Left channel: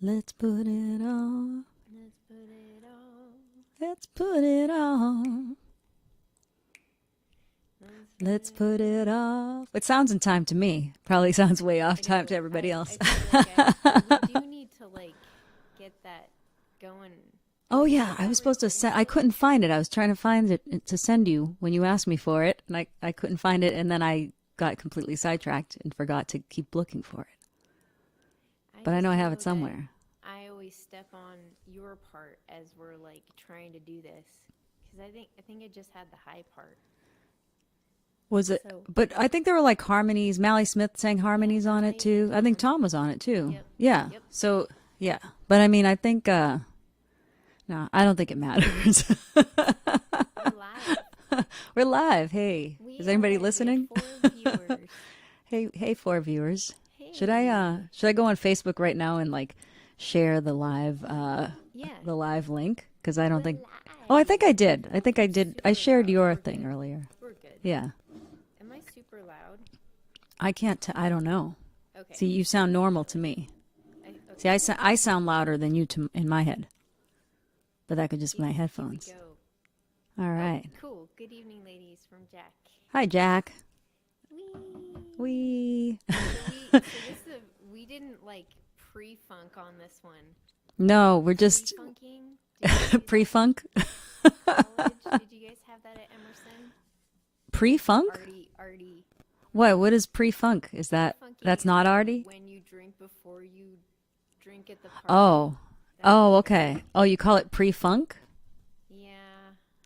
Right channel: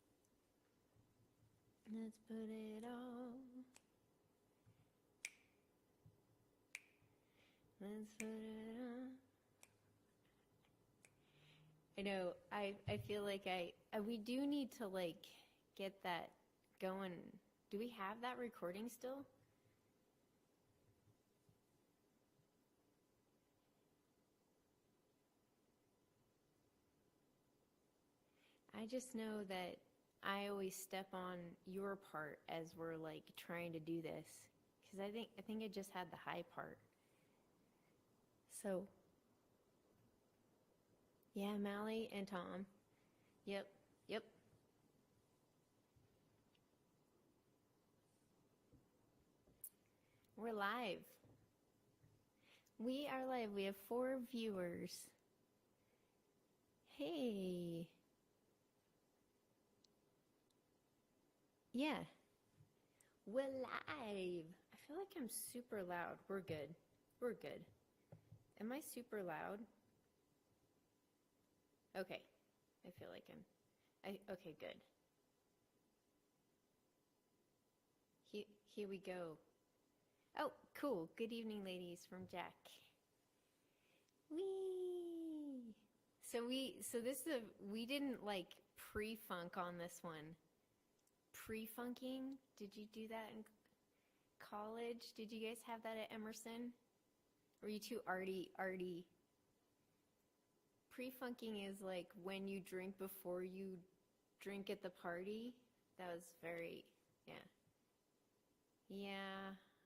Let's put it on. Let's put it on. Let's put it on. Let's put it off. It sounds in time to me. Probably sounds way off I time know. to everybody else. I feel like we do need to like get that going. Do Oh we yeah, have I that was supposed to recording send. I still? couldn't find it. I was trying to find it to send you when you asked me for it, and I couldn't find it, and then I got completely sidetracked and forgot to keep looking for it. But I just know I have it that somewhere. I always step on your part as we're like trying to do this because I think I just had the high part. Was it? So But I think there were like harmonies. Mally Smith sang yeah, harmonies on it Mally and too. I think Tom. Tom was on it too. Yep. Yeah. Yep. So yeah. But I mean, I think no, I don't think it matters. We're live. We're live. Hey, We is are anybody live. We have listening? 4 viewers. Hey, four viewers. Hey. Should I go on Facebook right now and like share the Yeah. link? Because I don't We're think. live. Oh, I think I did. I think I I'm did. I super shared loud. your We're thing good. earlier. We're good. Yeah. Am I super loud? I can't. I don't know. Okay. See, you sound normal to me. Okay, See, good. I sound louder than you in my head, but that could just be my headphones. Here we go. All right. Oh, cool. Good evening, ladies, from Jack. Hi, Jack. Wee. We. We didn't like pre-funk on this one. No, we're just Pre-funking? Did you do that pre-funk. in college? Did you guys have that at Emerson? Pre-funk. Arty. What is pre-funk? Is that's Pre-funking not is arty? when you drink before you drink at the party. Oh. That's Oh, very- okay. Oh, you call it pre-funk? Yeah.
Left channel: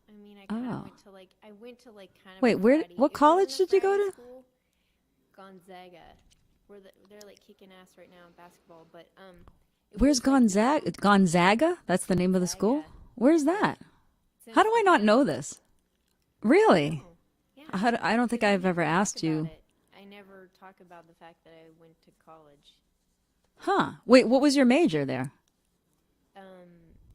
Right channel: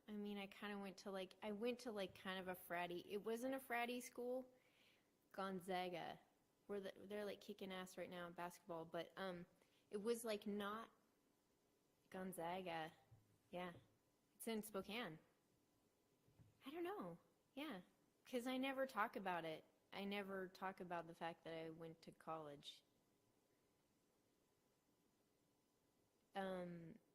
I mean, I kind of Oh. went to like kind of Wait, a what fratty- it college wasn't a did you go fratty to? School. Gonzaga. They're like kicking ass right now in basketball, but it Where's was, like, Gonzaga? Gonzaga? That's the name of the school? Gonzaga. Where's Yeah. that? It's in How do I not know Spokane. this? Really? Oh, yeah. I don't think 'Cause I I've ever never talk asked you. about it. I never talk about the fact that I went to college. Huh. Wait, what was your major there?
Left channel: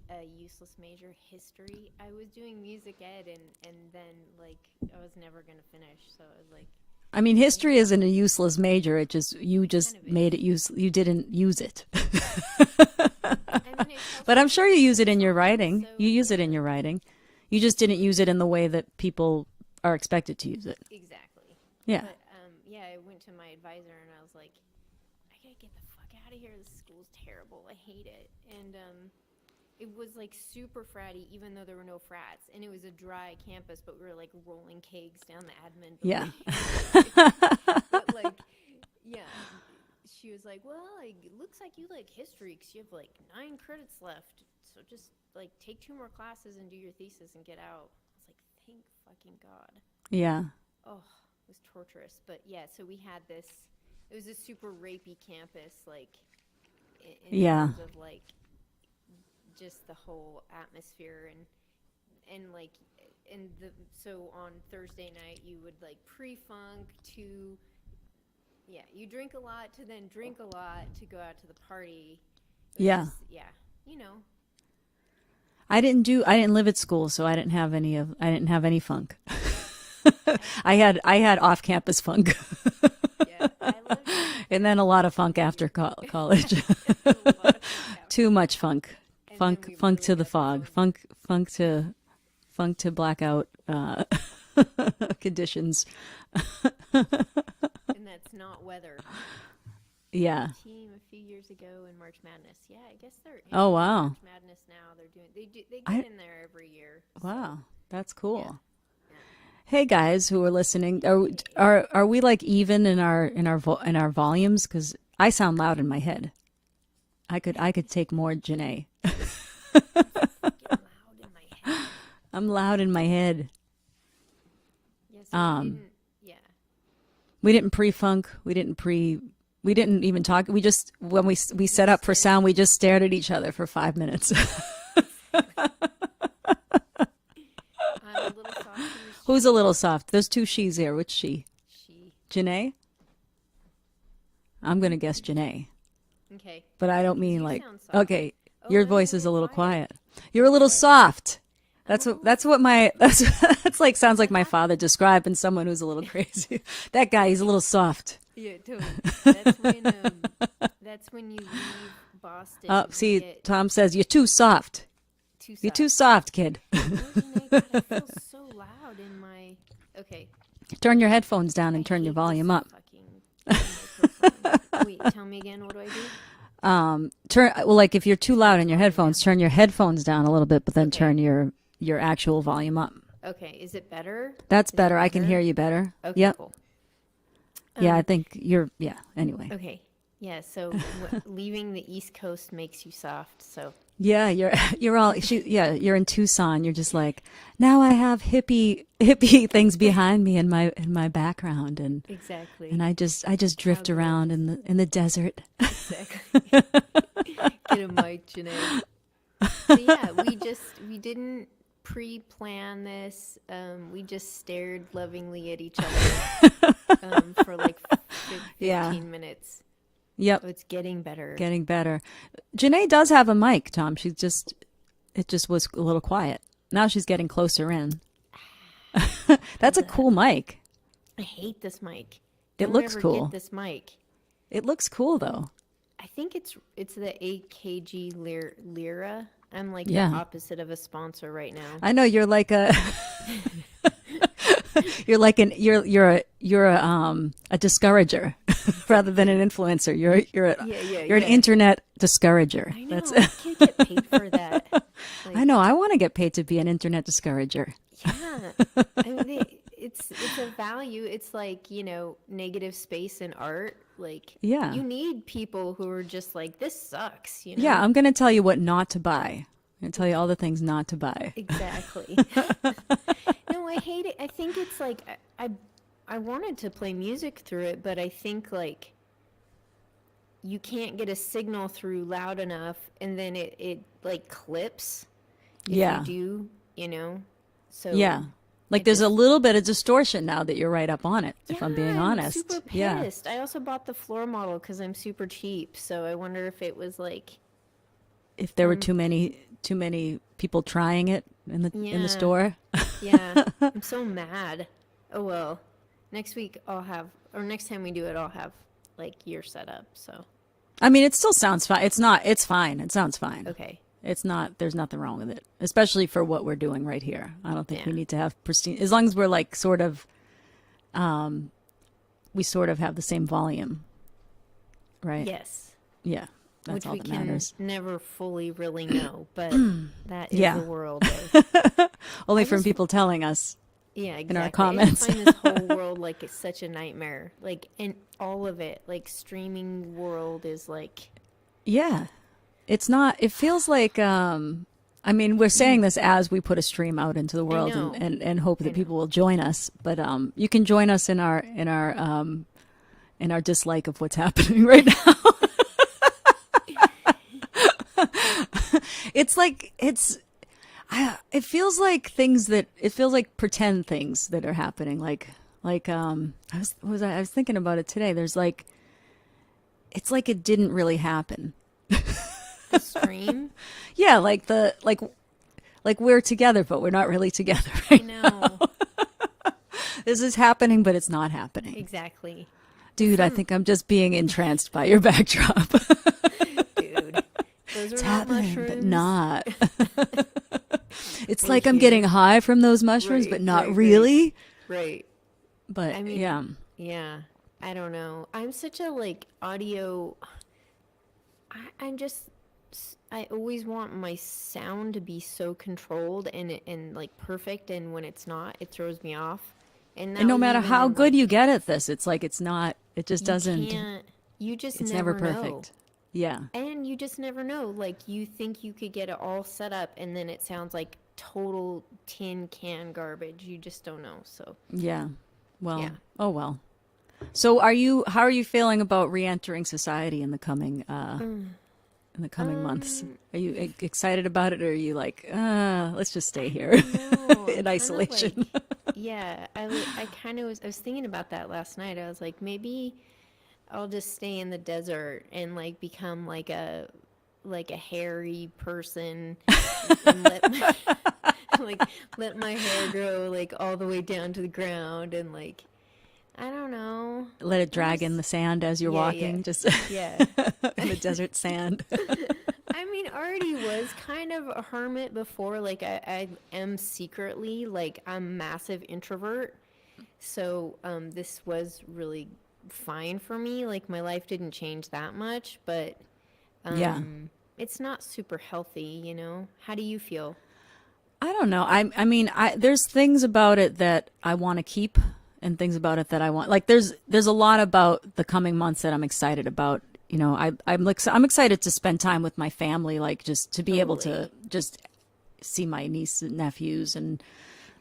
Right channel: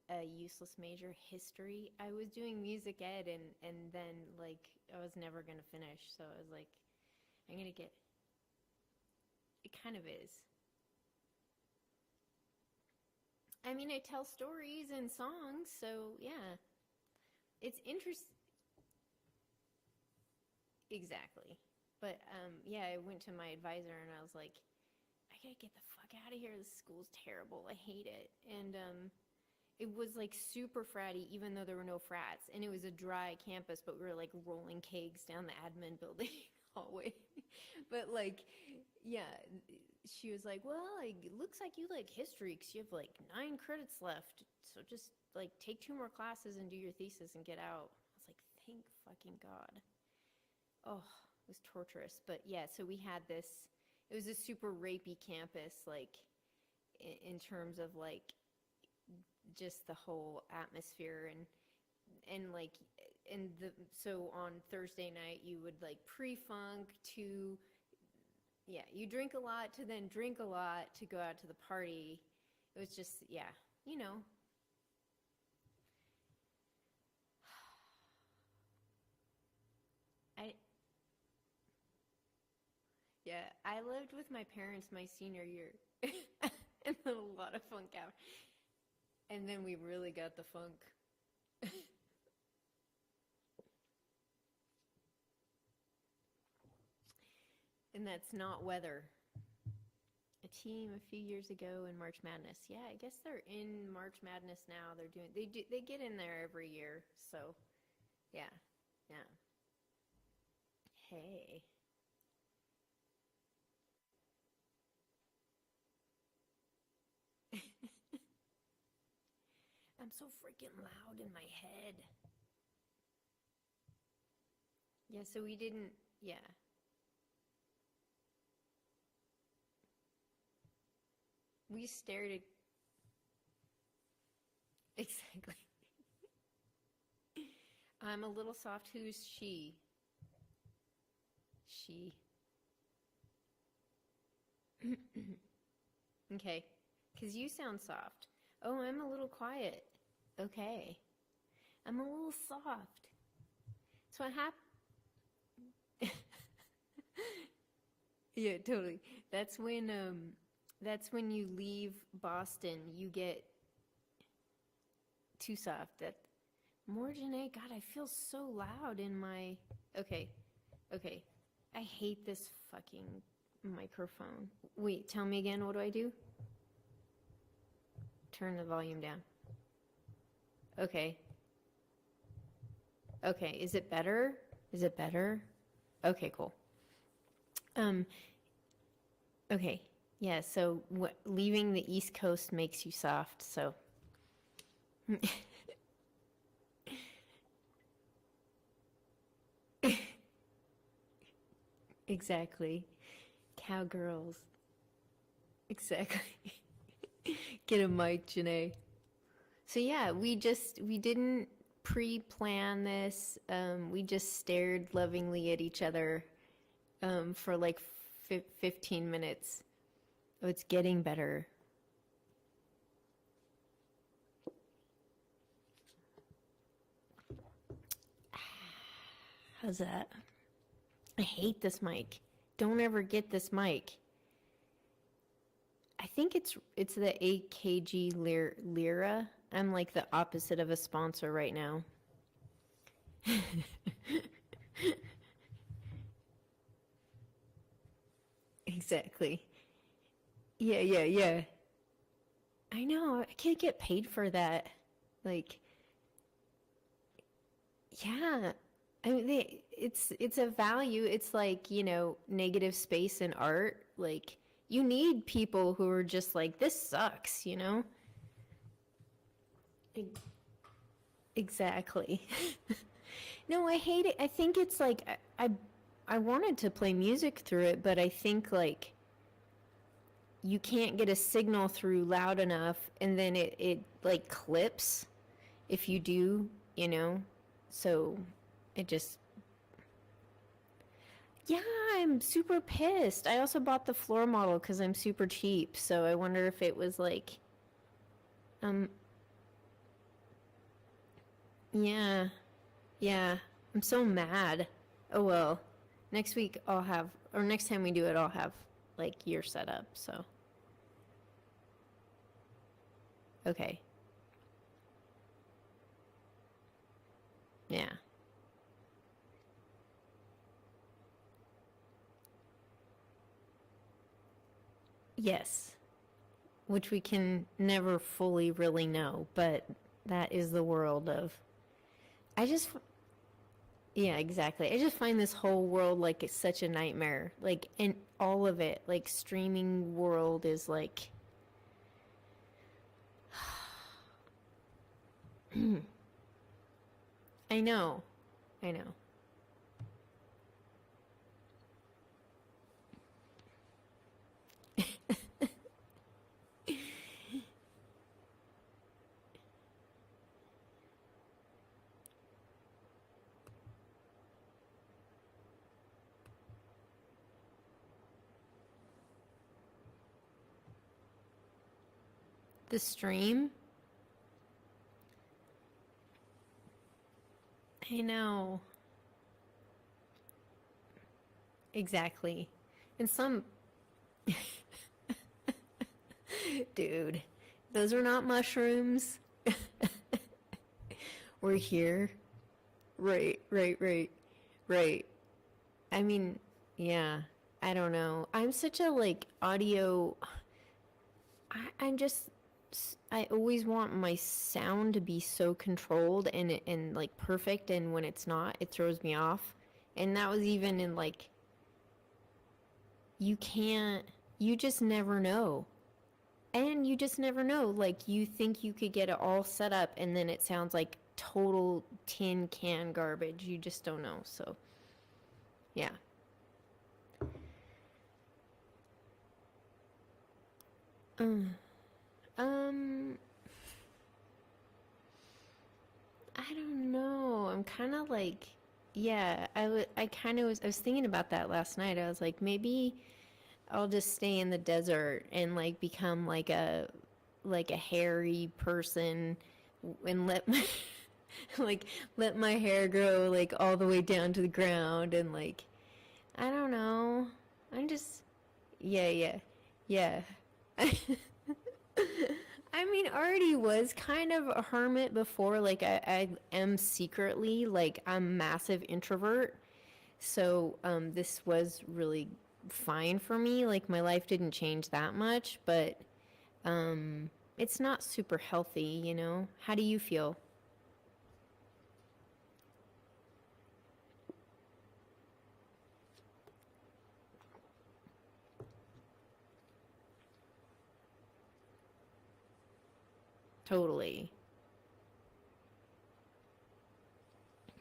A useless major, history. I was doing music ed, and then like I was never gonna finish, so I was like, I mean, history isn't a useless major. You just kind of made is. it use. You didn't use it. I mean, it tells But I'm sure you stories use it and in your songs, writing. so You use it yeah. in your writing. You just didn't use it in the way that people are expected to use it. Exactly. Yeah. But yeah, I went to my advisor and I was like, I gotta get the fuck out of here. This school's terrible. I hate it. And it was like super fratty, even though there were no frats, and it was a dry campus, but we were like rolling kegs down the admin Yeah. building. But like, yeah, she was like, well, like, it looks like you like history because you have like 9 credits left, so just like take 2 more classes and do your thesis and get out. I was like, thank fucking God. Yeah. Oh, it was torturous. But yeah, so we had this. It was a super rapey campus, like in Yeah. terms of like just the whole atmosphere and like so on Thursday night you would like pre-funk to you drink a lot to then drink a lot to go out to the party. It was Yeah. just, yeah, you know. I didn't live at school, so I didn't have any funk. I had off-campus funk. Yeah, I lived And then a lot of funk after college. a lot of funk out. Too much funk. And Funk then we funk really to the got the fog. Funk to blackout conditions. And that's not weather. Yeah. Team a few years ago in March Madness. Yeah, I guess they're in Oh, wow. March Madness now. They get in there every year. Wow. That's cool. Yeah. Hey guys who are listening, are we like even in our volumes? Because I sound loud in my head. I could take more Janae. Get loud in my head. I'm loud in my head. Yeah, so we didn't. Yeah. We didn't pre-funk. We didn't even talk. We just when we set up for sound, we just stared at each other for 5 minutes. I'm a little soft. Who's a little soft? There's 2 she's here. Which she? She. Janae? I'm gonna guess Janae. Okay. But I don't 'Cause mean you like sound soft. okay. Oh, Your I'm voice is a little quiet. quiet. You're a little Okay. soft. I'm a That's little what my that's like sounds like my happened? father describing someone who's a little crazy. That guy, he's a little soft. Yeah, totally. That's when that's when you leave Boston. Oh, You see, get Tom says you're too soft. too You're too soft. soft, kid. Or Janae, God, I feel so loud in my. Okay, Turn your okay. headphones down I and turn your hate this volume up. fucking microphone. Wait, tell me again. What do I do? Turn well, like if you're too Turn loud the in your volume headphones, down. turn your headphones down a little bit, but then Okay. turn your actual volume up. Okay. Is it better? That's Is it better. I can hear better? you better. Okay. Yep. Cool. Yeah, I think you're. Yeah. Anyway. Okay. Yeah. So leaving the East Coast makes you soft. So Yeah, you're all. Yeah, you're in Tucson. You're just like now. I have hippie things behind me in my background, exactly. and I just drift around Cowgirls. in the desert. Exactly. Get a mic, Janae. So yeah, we didn't pre-plan this. We just stared lovingly at each other for like Yeah. 15 minutes. Yep. Oh, it's getting better. Getting better. Janae does have a mic, Tom. It just was a little quiet. Now she's getting closer in. That's a that? cool mic. I hate this mic. It Don't looks ever cool. get this mic. It looks cool though. I think it's the AKG Lira. I'm like Yeah. the opposite of a sponsor right now. I know you're like a you're a discourager rather than an influencer. You're an internet discourager. I know. I can't get paid for that. Like, I know. I want to get paid to be an internet discourager. yeah. I mean, it's a value. It's like, negative space in art. Like, Yeah. you need people who are just like, this sucks, Yeah, I'm going to tell you what not to buy. I'm going to tell you all the things not to buy. Exactly. No, I hate it. I think it's like I wanted to play music through it, but I think like you can't get a signal through loud enough, and then it like clips if Yeah. you do, So Yeah. Like it there's a just- little bit of distortion now that you're right up on it, if I'm being honest. super Yeah. pissed. I also bought the floor model because I'm super cheap, so I wonder if it was like If there were too many people trying it in the Yeah. store. Yeah, I'm so mad. Oh well, next week next time we do it, I'll have like your setup. So I mean, it still sounds fine. It's fine. It sounds fine. okay, It's not, there's nothing wrong with it, especially for what we're doing right here. I don't think we Yeah. need to have pristine, as long as we're like sort of, we sort of have the same volume, right? yes, Yeah. That's which all we that can matters. never fully really know, but that is Yeah. the world of Only I from just- people telling us. yeah, our exactly. I comments. just find this whole world like it's such a nightmare. Like, and all of it, like streaming world is like Yeah. It's not, it feels like, I mean, we're saying this as we put a stream out into the world know. and hope I that know. people will join us. But you can join us in our dislike of what's happening right now. It feels like pretend things that are happening. I was thinking about it today. There's like, it's like it didn't really happen. the stream. Yeah, like we're together, but we're not really together. I Right? know This is happening, but it's not happening. exactly, Dude, I think I'm just being entranced by your backdrop. dude. Those are It's not happening, mushrooms. but not. It's We're like I'm here. getting high from those mushrooms, Right, but not right, right. really. Right. But I mean, yeah. Yeah. I don't know. I'm such a like audio. I always want my sound to be so controlled and like perfect, and when it's not, it throws me off. And that And no was matter even how in, good like, you get at this, it's like it's not. It just you doesn't. can't. You just It's never never know. perfect. Yeah. And you just never know. Like, you think you could get it all set up, and then it sounds like total tin can garbage. You just don't know. So, Yeah. Well. Yeah. Oh well. So how are you feeling about re-entering society in the coming months? Are you excited about it, or are you like, let's just stay here no, in isolation? Yeah, I was thinking about that last night. I was like, maybe I'll just stay in the desert and like become like a hairy person and let my hair grow like all the way down to the ground, and like I don't know. Let it I'm drag in just the sand as you're yeah, walking, yeah. just Yeah. in the desert sand. I mean, already was kind of a hermit before. Like, I am secretly, like, I'm a massive introvert. So, this was really fine for me. Like, my life didn't change that much, but Yeah. it's not super healthy, you know? How do you feel? I don't know. I mean, there's things about it that I want to keep and things about it that I want. Like there's a lot about the coming months that I'm excited about. You know, I'm excited to spend time with my family, like just to be able to Totally. just see my niece and nephews and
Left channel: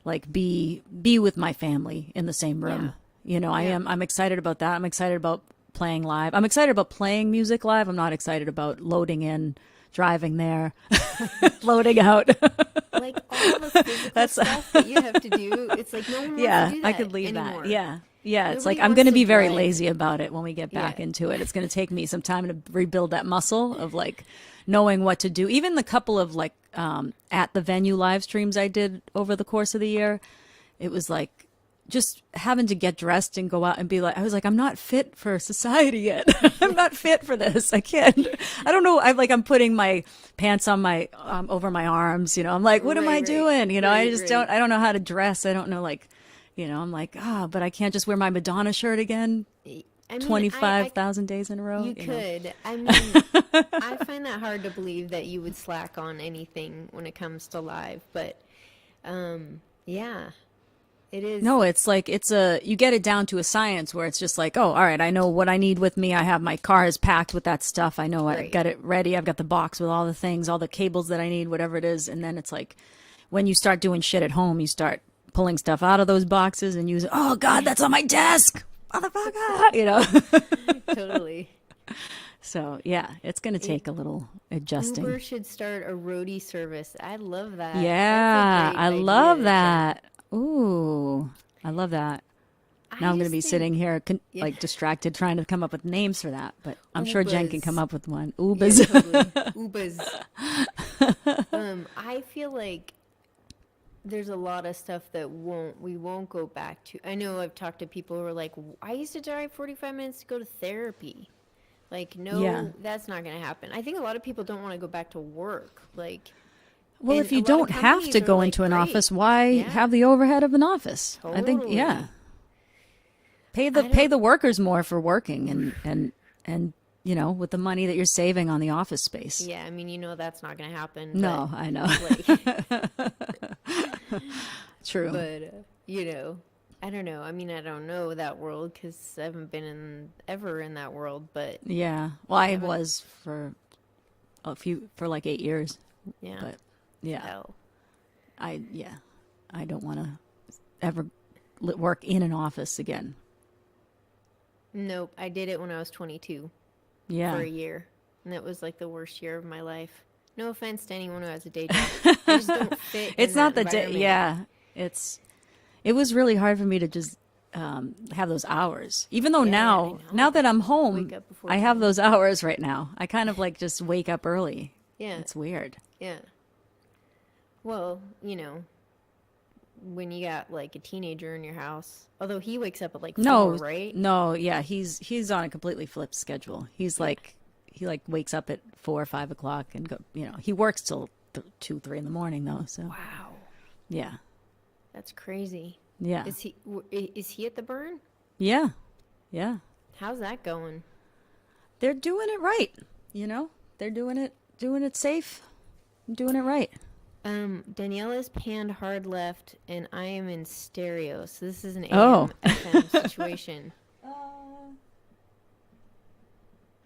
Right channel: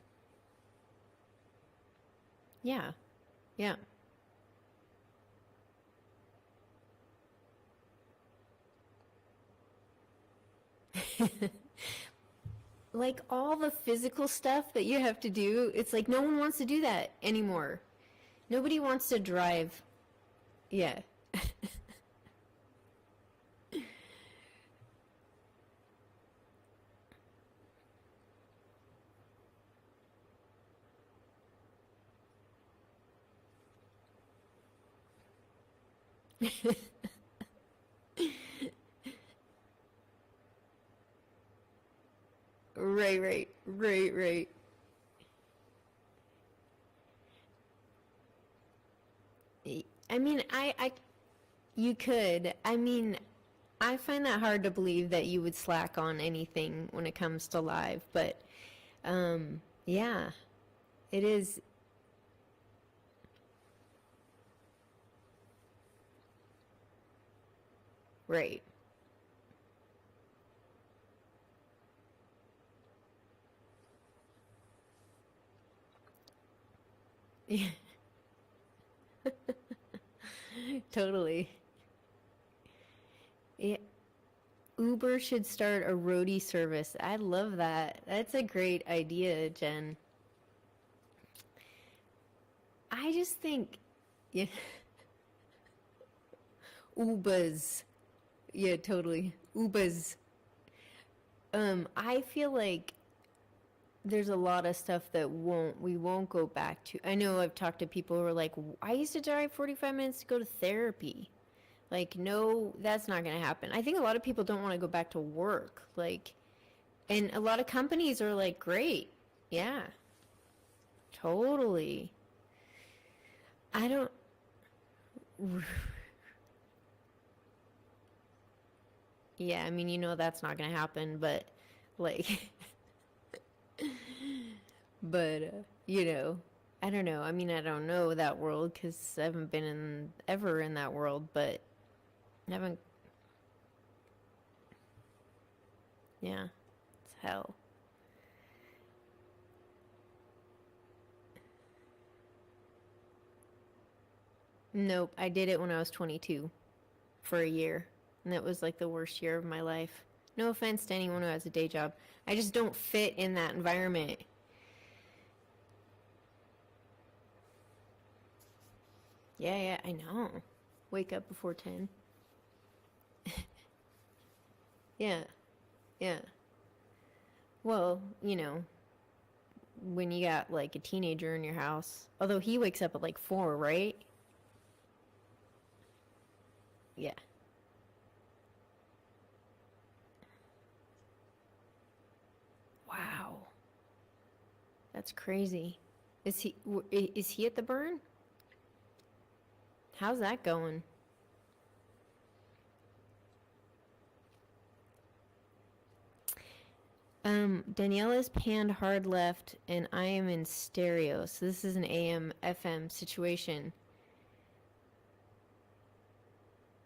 like be with my family in the same Yeah. room. You know, Yeah. I'm excited about that. I'm excited about playing live. I'm excited about playing music live. I'm not excited about loading in, driving there, loading out. Like all the physical That's stuff that you have to do, it's like no one wants to yeah, do I that could leave that. anymore. Yeah. Yeah, it's like Nobody I'm wants going to to be very drive. lazy about it when we get back Yeah. into it. It's going to take me some time to rebuild that muscle of like knowing what to do. Even the couple of like at the venue live streams I did over the course of the year, it was like just having to get dressed and go out and be like, I was like, I'm not fit for society yet. I'm not fit for this. I can't. I don't know. I'm putting my pants on my over my arms. You know, I'm like, what am I Right, right. doing? You know, I Right, just right. don't. I don't know how to dress. I don't know like. You know, I'm like, but I can't just wear my Madonna shirt again I mean, 25,000 days in a row. you You know? could. I mean, I find that hard to believe that you would slack on anything when it comes to live, but yeah, it is. No, it's like you get it down to a science where it's just like, oh, all right, I know what I need with me. I have my car is packed with that stuff. I know I Right. got it ready. I've got the box with all the things, all the cables that I need, whatever it is. And then it's like when you start doing shit at home, you start pulling stuff out of those boxes and using, oh God, that's on my desk. Motherfucker, you know? Totally. So yeah, it's going to take a little adjusting. Uber should start a roadie service. I love that. Yeah, That's a great I idea, love Jen. that. Ooh, I love that. Now I'm going to just be think- sitting here Yeah. like distracted trying to come up with names for that, but I'm sure Jen can Ubers. come up with one. Yeah, Ubers. totally. Ubers. I feel like there's a lot of stuff that we won't go back to. I know I've talked to people who are like, I used to drive 45 minutes to go to therapy. Like, no, Yeah. that's not going to happen. I think a lot of people don't want to go back to work. Like, Well, and if a you lot of don't have companies to are go like, into an "Great." office, why Yeah. have the overhead of an office? I think, yeah. Totally. Pay I the don't- workers more for working and you know, with the money that you're saving on the office space. Yeah, I mean, you know that's not going to happen. No, I know. But, like, True. you know, I don't know. I mean, I don't know that world because I haven't been ever in that world. But Yeah. Well, I haven't- was for like 8 years. yeah, But yeah, hell. I don't want to ever work in an office again. Nope, I did it when I was 22 Yeah. for a year, and that was like the worst year of my life. No offense to anyone who has a day job. I just don't fit in It's not that the environment. yeah. It was really hard for me to just have those hours. Even though Yeah, now I know. now that I'm home, Wake up before I have 10. those hours right now. I kind of like just wake up early. Yeah, It's weird. yeah. Well, you know, when you got like a teenager in your house, although he wakes up at like 4, right? No, yeah, he's on a completely flipped schedule. He's like he like wakes up at 4 or 5 o'clock and go. You know, he works till 2, 3 in the morning though. So Wow, yeah, that's crazy. yeah, Is he at the burn? yeah, yeah. How's that going? They're doing it right. You know, they're doing it safe, doing it right. Daniela's panned hard left, and I am in stereo, so this is an Oh. AM FM situation.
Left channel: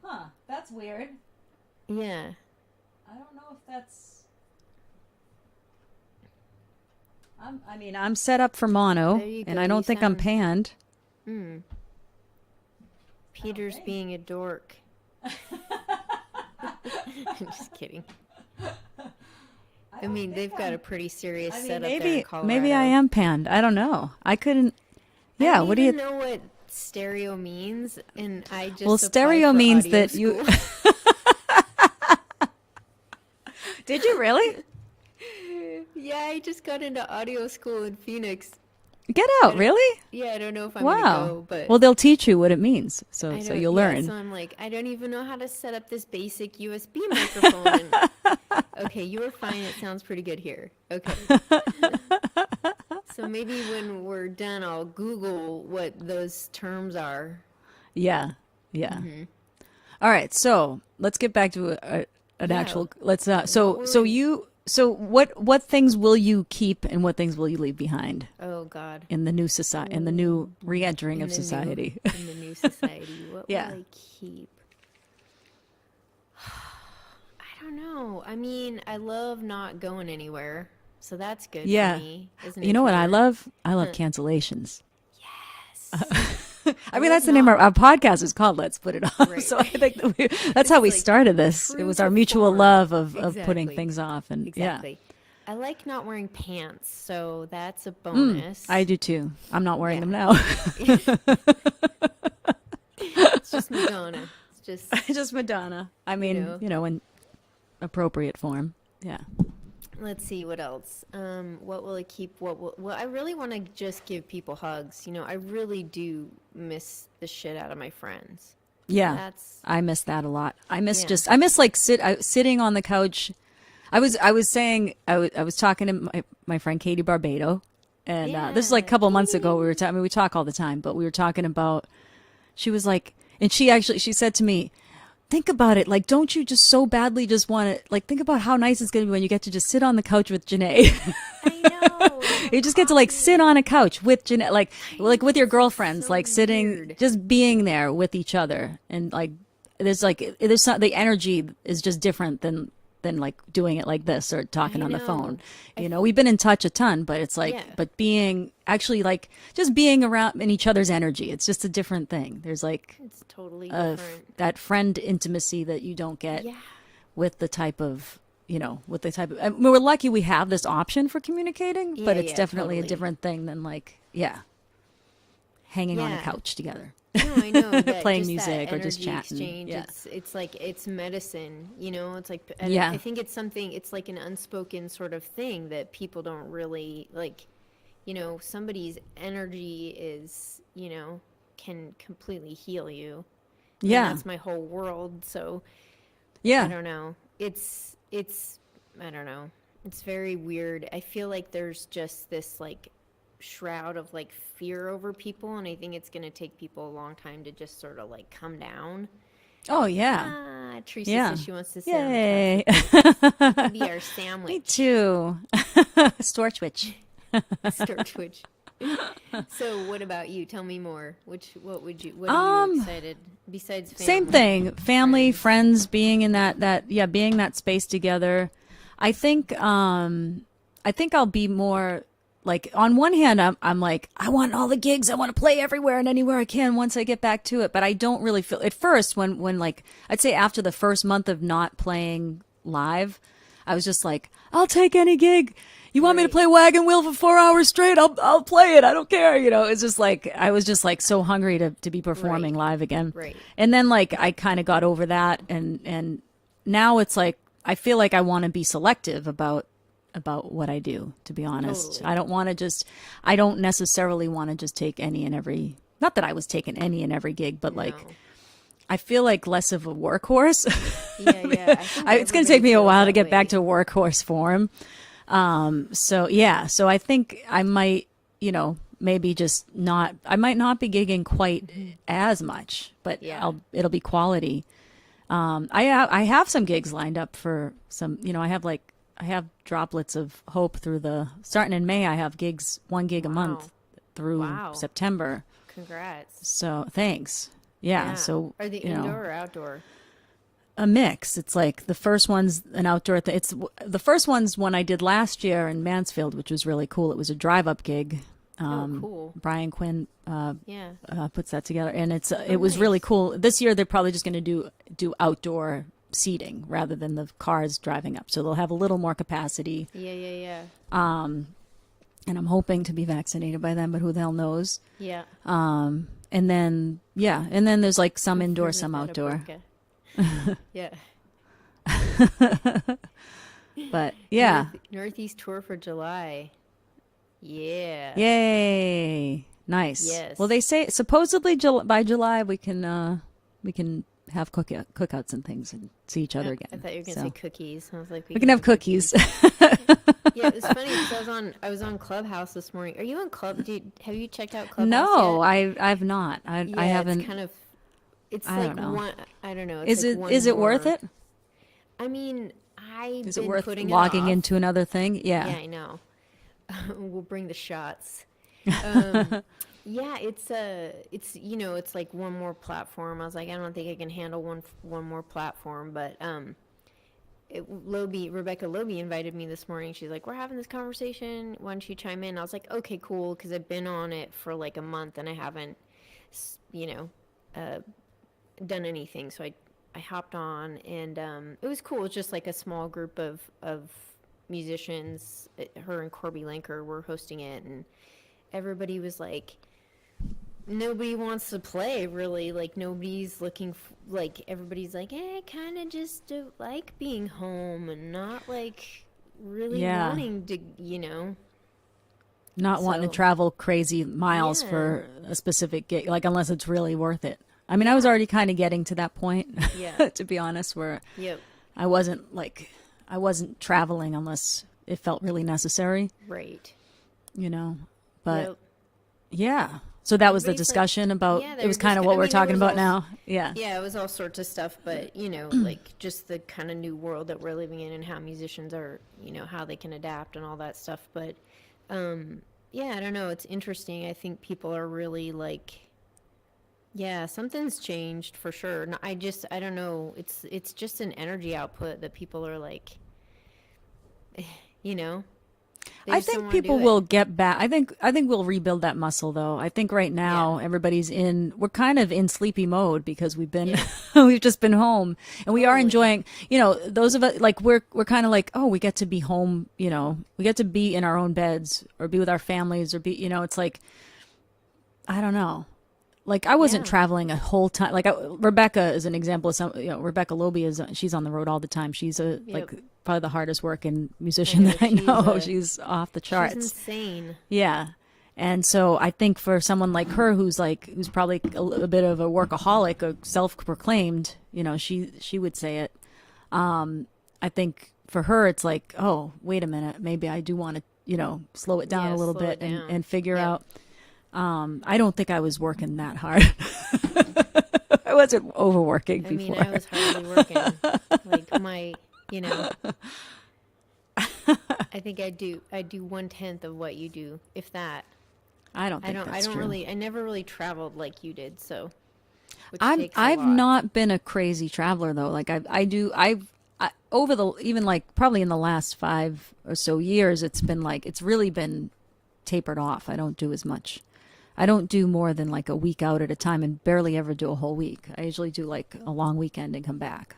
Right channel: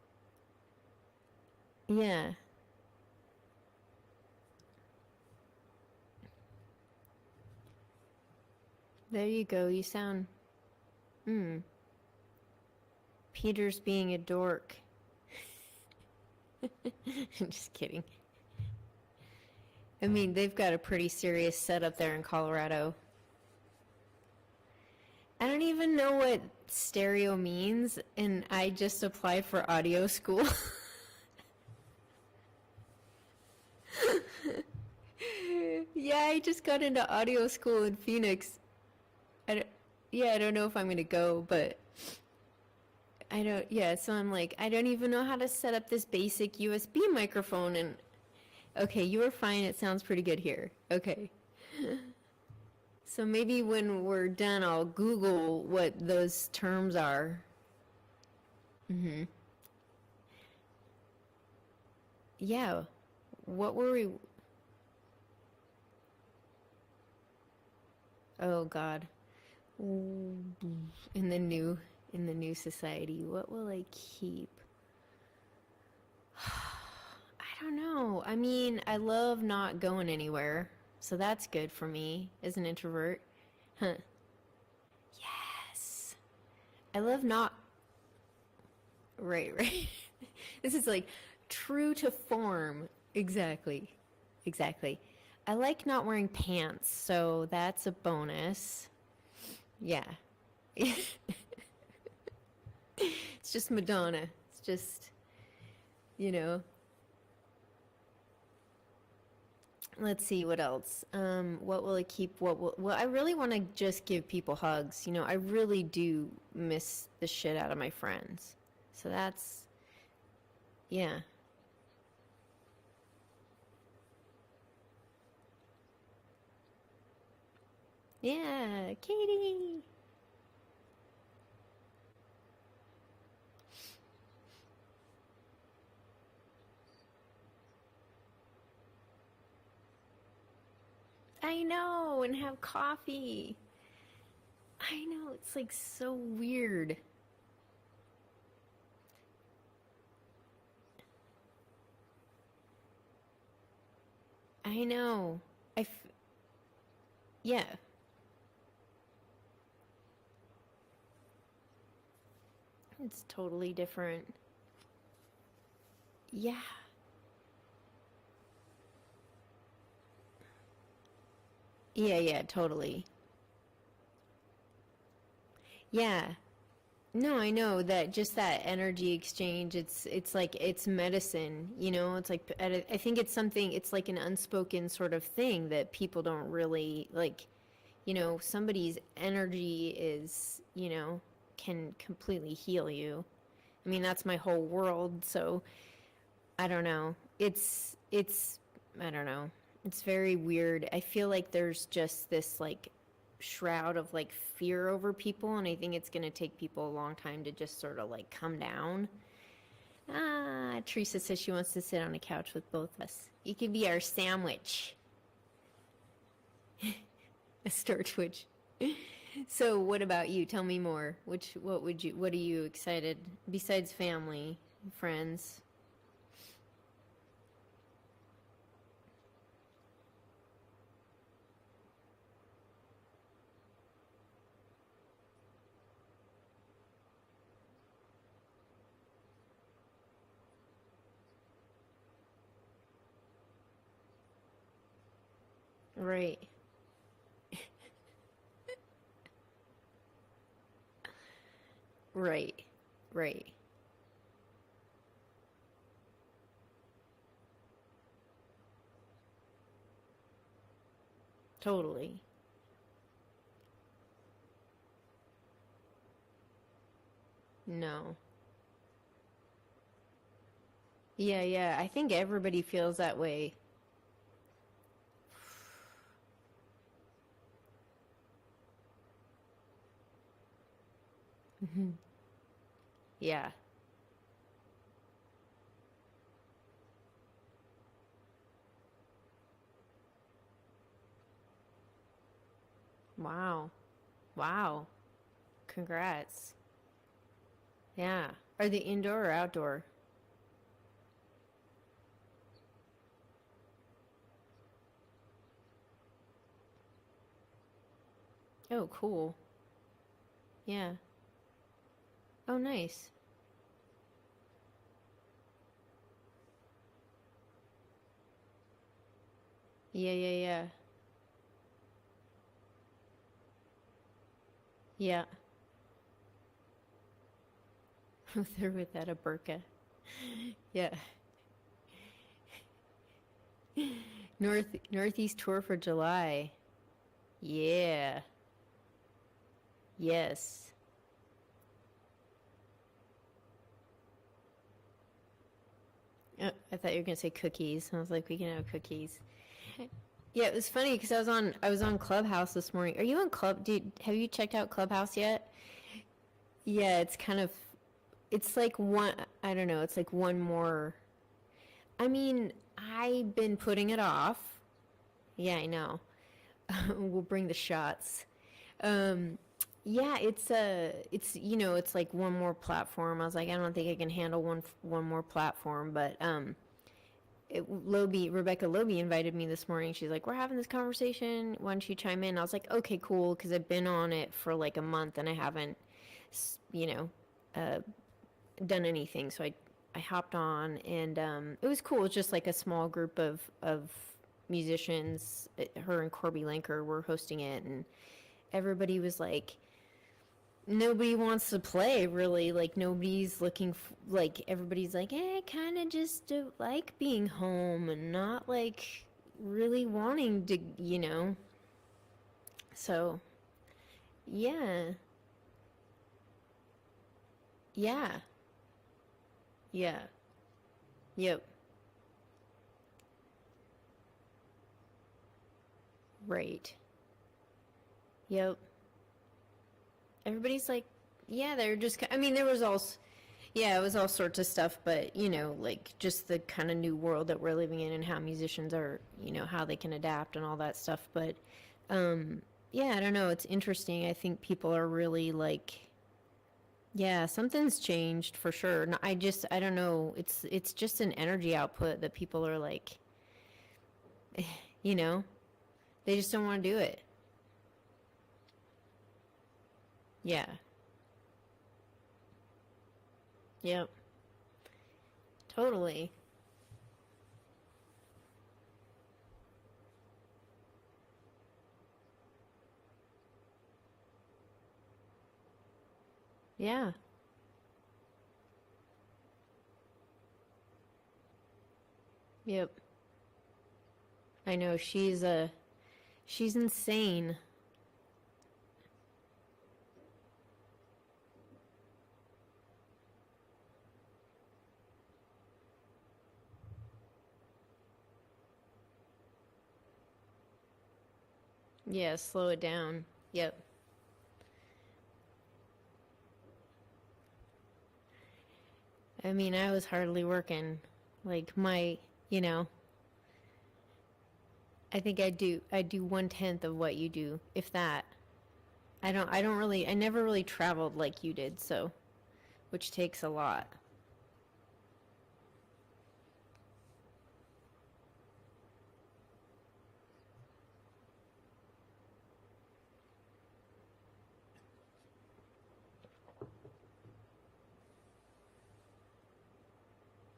Huh? That's weird. Yeah. I don't know if that's. I mean, I'm set up for mono, There you and go, I don't you think I'm sound- panned. Peter's being a dork. I'm just kidding. I mean, they've got a pretty serious setup there in Colorado. Maybe I am panned. I don't know. I couldn't. I Yeah. don't What do even you? know what stereo means, and I just Well, applied stereo for means audio that you- school. Did you really? Yeah, I just got into audio school in Phoenix. Get out, really? Yeah, I don't know if I'm gonna Wow. go, but Well, they'll teach you what it means, so I so don't. you'll Yeah, learn. so I'm like, I don't even know how to set up this basic USB microphone. And okay, you were fine. It sounds pretty good here. Okay. So maybe when we're done, I'll Google what those terms are. Yeah, yeah. All right, so let's get back to an Yeah. actual. Let's What so were so we- you so what things will you keep and what things will you leave behind Oh God. in the new society, in the new re-entering In of the society? new in the new society, what Yeah. will I keep? I don't know. I mean, I love not going anywhere, so that's good Yeah. for me as an You know what I introvert. love? I love cancellations. Yes. I mean, love that's the name not- of our podcast is called Let's Put It On. Right, So right. I think that that's This how is we like started this. It true was to our mutual form. love of putting Exactly. things off. And Exactly. I like not wearing pants, so that's a yeah, bonus. I do too. I'm not wearing Yeah. them now. It's just Madonna. It's just Just Madonna. I mean, know. in appropriate form. Yeah. let's see what else. What will I keep? Well, I really want to just give people hugs. I really do miss the shit out of my friends. Yeah. That's I miss that a lot. I miss Yeah. I miss like sitting on the couch. I was saying I was talking to my friend Katie Barbado, and this is like a Yeah, couple months ago. We were I mean, we talk all the time, but we were talking about. She was like, and she said to me, "Think about it. Like, don't you just so badly just want to like think about how nice it's going to be when you get to just sit on the couch with Janae." I know. You just get to like sit on a couch with Janae, like know, with your it's, like, girlfriends, so like sitting, weird. just being there with each other, and like there's not, the energy is just different than like doing it like this or talking I on the know. phone. We've been in touch a ton, but it's like, Yeah. but being actually like just being around in each other's energy, it's just a different thing. There's like It's totally a, different. that friend intimacy that you don't get Yeah. with the type of I mean, we're lucky we have this option for communicating, but Yeah, it's yeah, definitely totally. a different thing than like hanging on a Yeah. couch together. No, I know that Playing just that music or just energy chatting. exchange. Yeah. It's like it's medicine. It's like Yeah. I think it's something. It's like an unspoken sort of thing that people don't really like. Somebody's energy is can completely heal you. I mean, Yeah. that's my whole world. So Yeah, I don't know. It's I don't know. It's very weird. I feel like there's just this like shroud of like fear over people, and I think it's going to take people a long time to just sort of like come down. oh yeah, Teresa Yeah. says she wants to sit Yay. on the couch with us. You could be our me sandwich. too. Store twitch. Stir twitch. So what about you? Tell me more. What are you excited besides family? Same thing. Family, friends, being in being that space together. I think I'll be more like, on one hand, I'm like, I want all the gigs. I want to play everywhere and anywhere I can once I get back to it. But I don't really feel at first when like, I'd say after the first month of not playing live, I was just like, I'll take any gig. You want me to Right. play Wagon Wheel for 4 hours straight? I'll play it. I don't care. It's just like, I was just like so hungry to be performing Right. live again. Right. And then like I kind of got over that, and now it's like I feel like I want to be selective about what I do, to be honest. Totally. I don't necessarily want to just take any and every, not that I was taking any and every gig, but like No. I feel like less of a workhorse. Yeah. I think It's going to everybody take me a feels while to that get back way. to workhorse form. So I think I might, maybe just not, I might not be gigging quite as much, but Yeah. it'll be quality. I have some gigs lined up for some, I have droplets of hope starting in May. I have one gig a month Wow. through Wow. September. Congrats. So thanks. Yeah. So are they you know, indoor or outdoor? a mix. It's like the first one's an outdoor thing. It's the first one's one I did last year in Mansfield, which was really cool. It was a drive-up gig. Cool. Brian Quinn Yeah. puts that together, and it was really nice. cool. This year they're probably just going to do outdoor seating rather than the cars driving up, so they'll have a little more capacity. Yeah. And I'm hoping to be vaccinated by then, but who the hell knows? Yeah. And then there's like some indoor, With some that a outdoor. burqa. Yeah. But yeah, Northeast tour for July. Yeah. Yay! Nice. Well, Yes. they say supposedly by July we can have cookouts and things and see each other I again. thought you were gonna say So cookies. I was like, we we can can have have cookies. cookies. Yeah, it was funny because I was on Clubhouse this morning. Are you on have you checked out Clubhouse No, yet? I've not. I Yeah, it's haven't. kind of it's I don't like know. one. I don't know. It's like one Is it worth more. it? I mean, I've Is it been worth putting it logging off. into another thing? Yeah. Yeah, I know. We'll bring the shots. Um, yeah, it's it's like one more platform. I was like, I don't think I can handle one more platform, but Rebecca Loby invited me this morning. She's like, we're having this conversation. Why don't you chime in? I was like, okay, cool, because I've been on it for like a month and I haven't, you know, uh, done anything. So I hopped on and it was cool. It was just like a small group of musicians. Her and Corby Lanker were hosting it, and everybody was like, nobody wants to play really. Like nobody's looking like everybody's like, I kind of just don't like being home and not like really Yeah. wanting to. Not wanting to So travel crazy miles yeah, for a specific gig, like unless it's really worth it. I mean, I was yeah, already kind of getting to that point, yeah, to be honest, where yep, I wasn't traveling unless it felt really necessary, right, you know. But yep. yeah, so that was the Everybody's like, discussion about. yeah, It was they're kind just. of what I we're mean, there talking was about all. now. Yeah, Yeah, it was all sorts of stuff, but like just the kind of new world that we're living in and how musicians are, how they can adapt and all that stuff. But yeah, I don't know. It's interesting. I think people are really like, yeah, something's changed for sure. I don't know. It's just an energy output that people are like, you know, they I just don't think want to do people it. will get back. I think we'll rebuild that muscle though. I think right now Yeah, we're kind of in sleepy mode because we've been yeah, we've just been home and we are totally. enjoying, those of us like we're kind of like, oh, we get to be home, we get to be in our own beds or be with our families or be, it's like I don't know. Like I wasn't Yeah, traveling a whole time. Like Rebecca is an example of some. Rebecca Loby she's on the road all the time. She's yep. probably the hardest working I musician know that I know. She's off the she's charts. insane. Yeah, and so I think for someone like her who's probably a bit of a workaholic, a self-proclaimed, she would say it. I think for her it's like, oh, wait a minute, maybe I do want to slow it down Yeah, a little slow it bit down. and figure Yep. out. I don't think I was working that hard. I wasn't overworking I mean, before. I was hardly working. Like I think I do 1/10 of what you do, if that. I don't I think don't I that's don't true. really I never really traveled like you did, so which I'm takes a I've lot. not been a crazy traveler though. Like I over the even like probably in the last 5 or so years, it's really been tapered off. I don't do as much. I don't do more than like a week out at a time and barely ever do a whole week. I usually do like a long weekend and come back.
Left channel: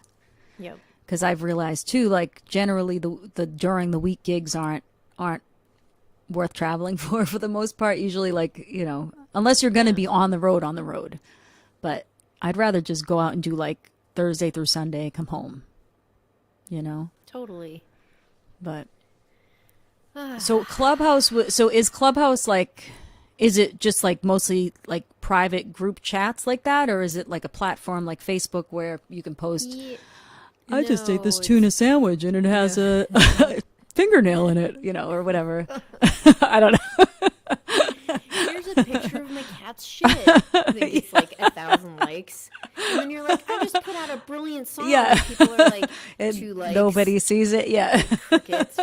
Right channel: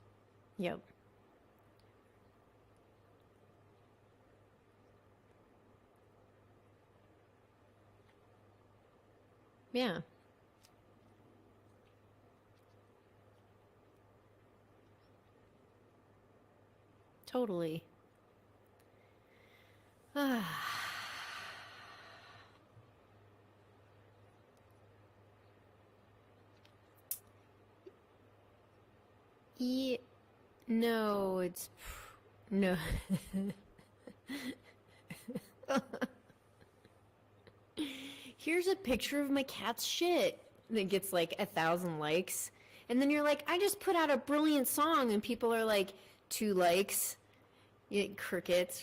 Yep. Because I've realized too, like generally the during the week gigs aren't worth traveling for the most part. Usually, like unless you're going to Yeah. be on the road. But I'd rather just go out and do like Thursday through Sunday, come home. You know. Totally. But so So is Clubhouse like? Is it just like mostly like private group chats like that, or is it like a platform like Facebook where you can post? Yeah, I just ate this no, tuna it's sandwich and it has no. a fingernail in it, or whatever. I don't know. Here's a picture of my cat's shit. And it gets like 1,000 likes. And then you're like, I just put out a brilliant song. Yeah. And people are like, And 2 likes. nobody sees it. Yeah. Like crickets.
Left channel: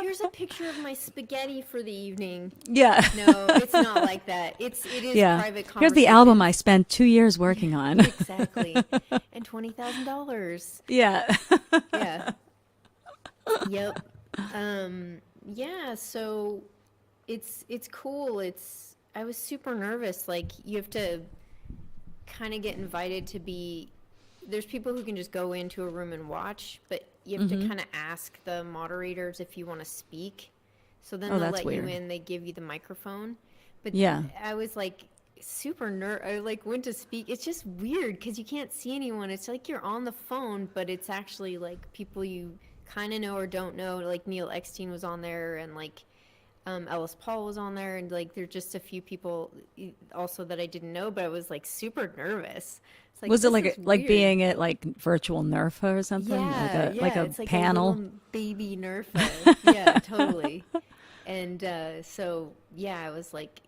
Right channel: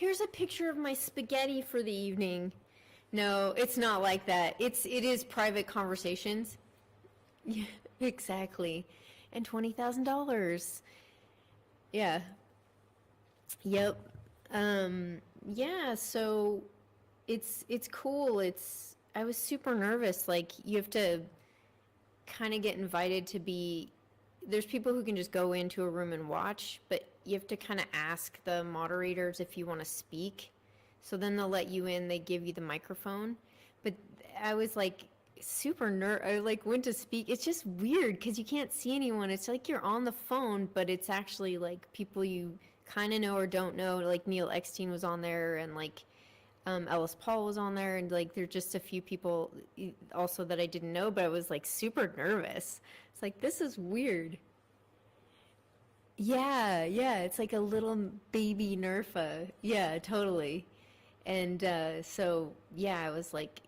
Here's a picture of my spaghetti for the evening. Yeah. No, it's not like that. It is Yeah. private Here's conversations. the album I spent 2 years working on. Exactly. And $20,000. Yeah. Yeah. Yep. Yeah, so it's cool. I was super nervous. Like you have to kind of get invited to be there's people who can just go into a room and watch, but you have to kind of ask the moderators if you want to speak. So then Oh, they'll that's let you weird. in, they give you the microphone. But Yeah. I was like I like went to speak. It's just weird because you can't see anyone. It's like you're on the phone, but it's actually like people you kind of know or don't know. Like Neil Eckstein was on there, and like Ellis Paul was on there, and like there's just a few people also that I didn't know, but I was like super nervous. It's like Was it this is like weird. being at like virtual NERFA or something? Yeah, Like yeah, a it's like a panel? little baby Nerfa. Yeah, totally. And so yeah, I was like,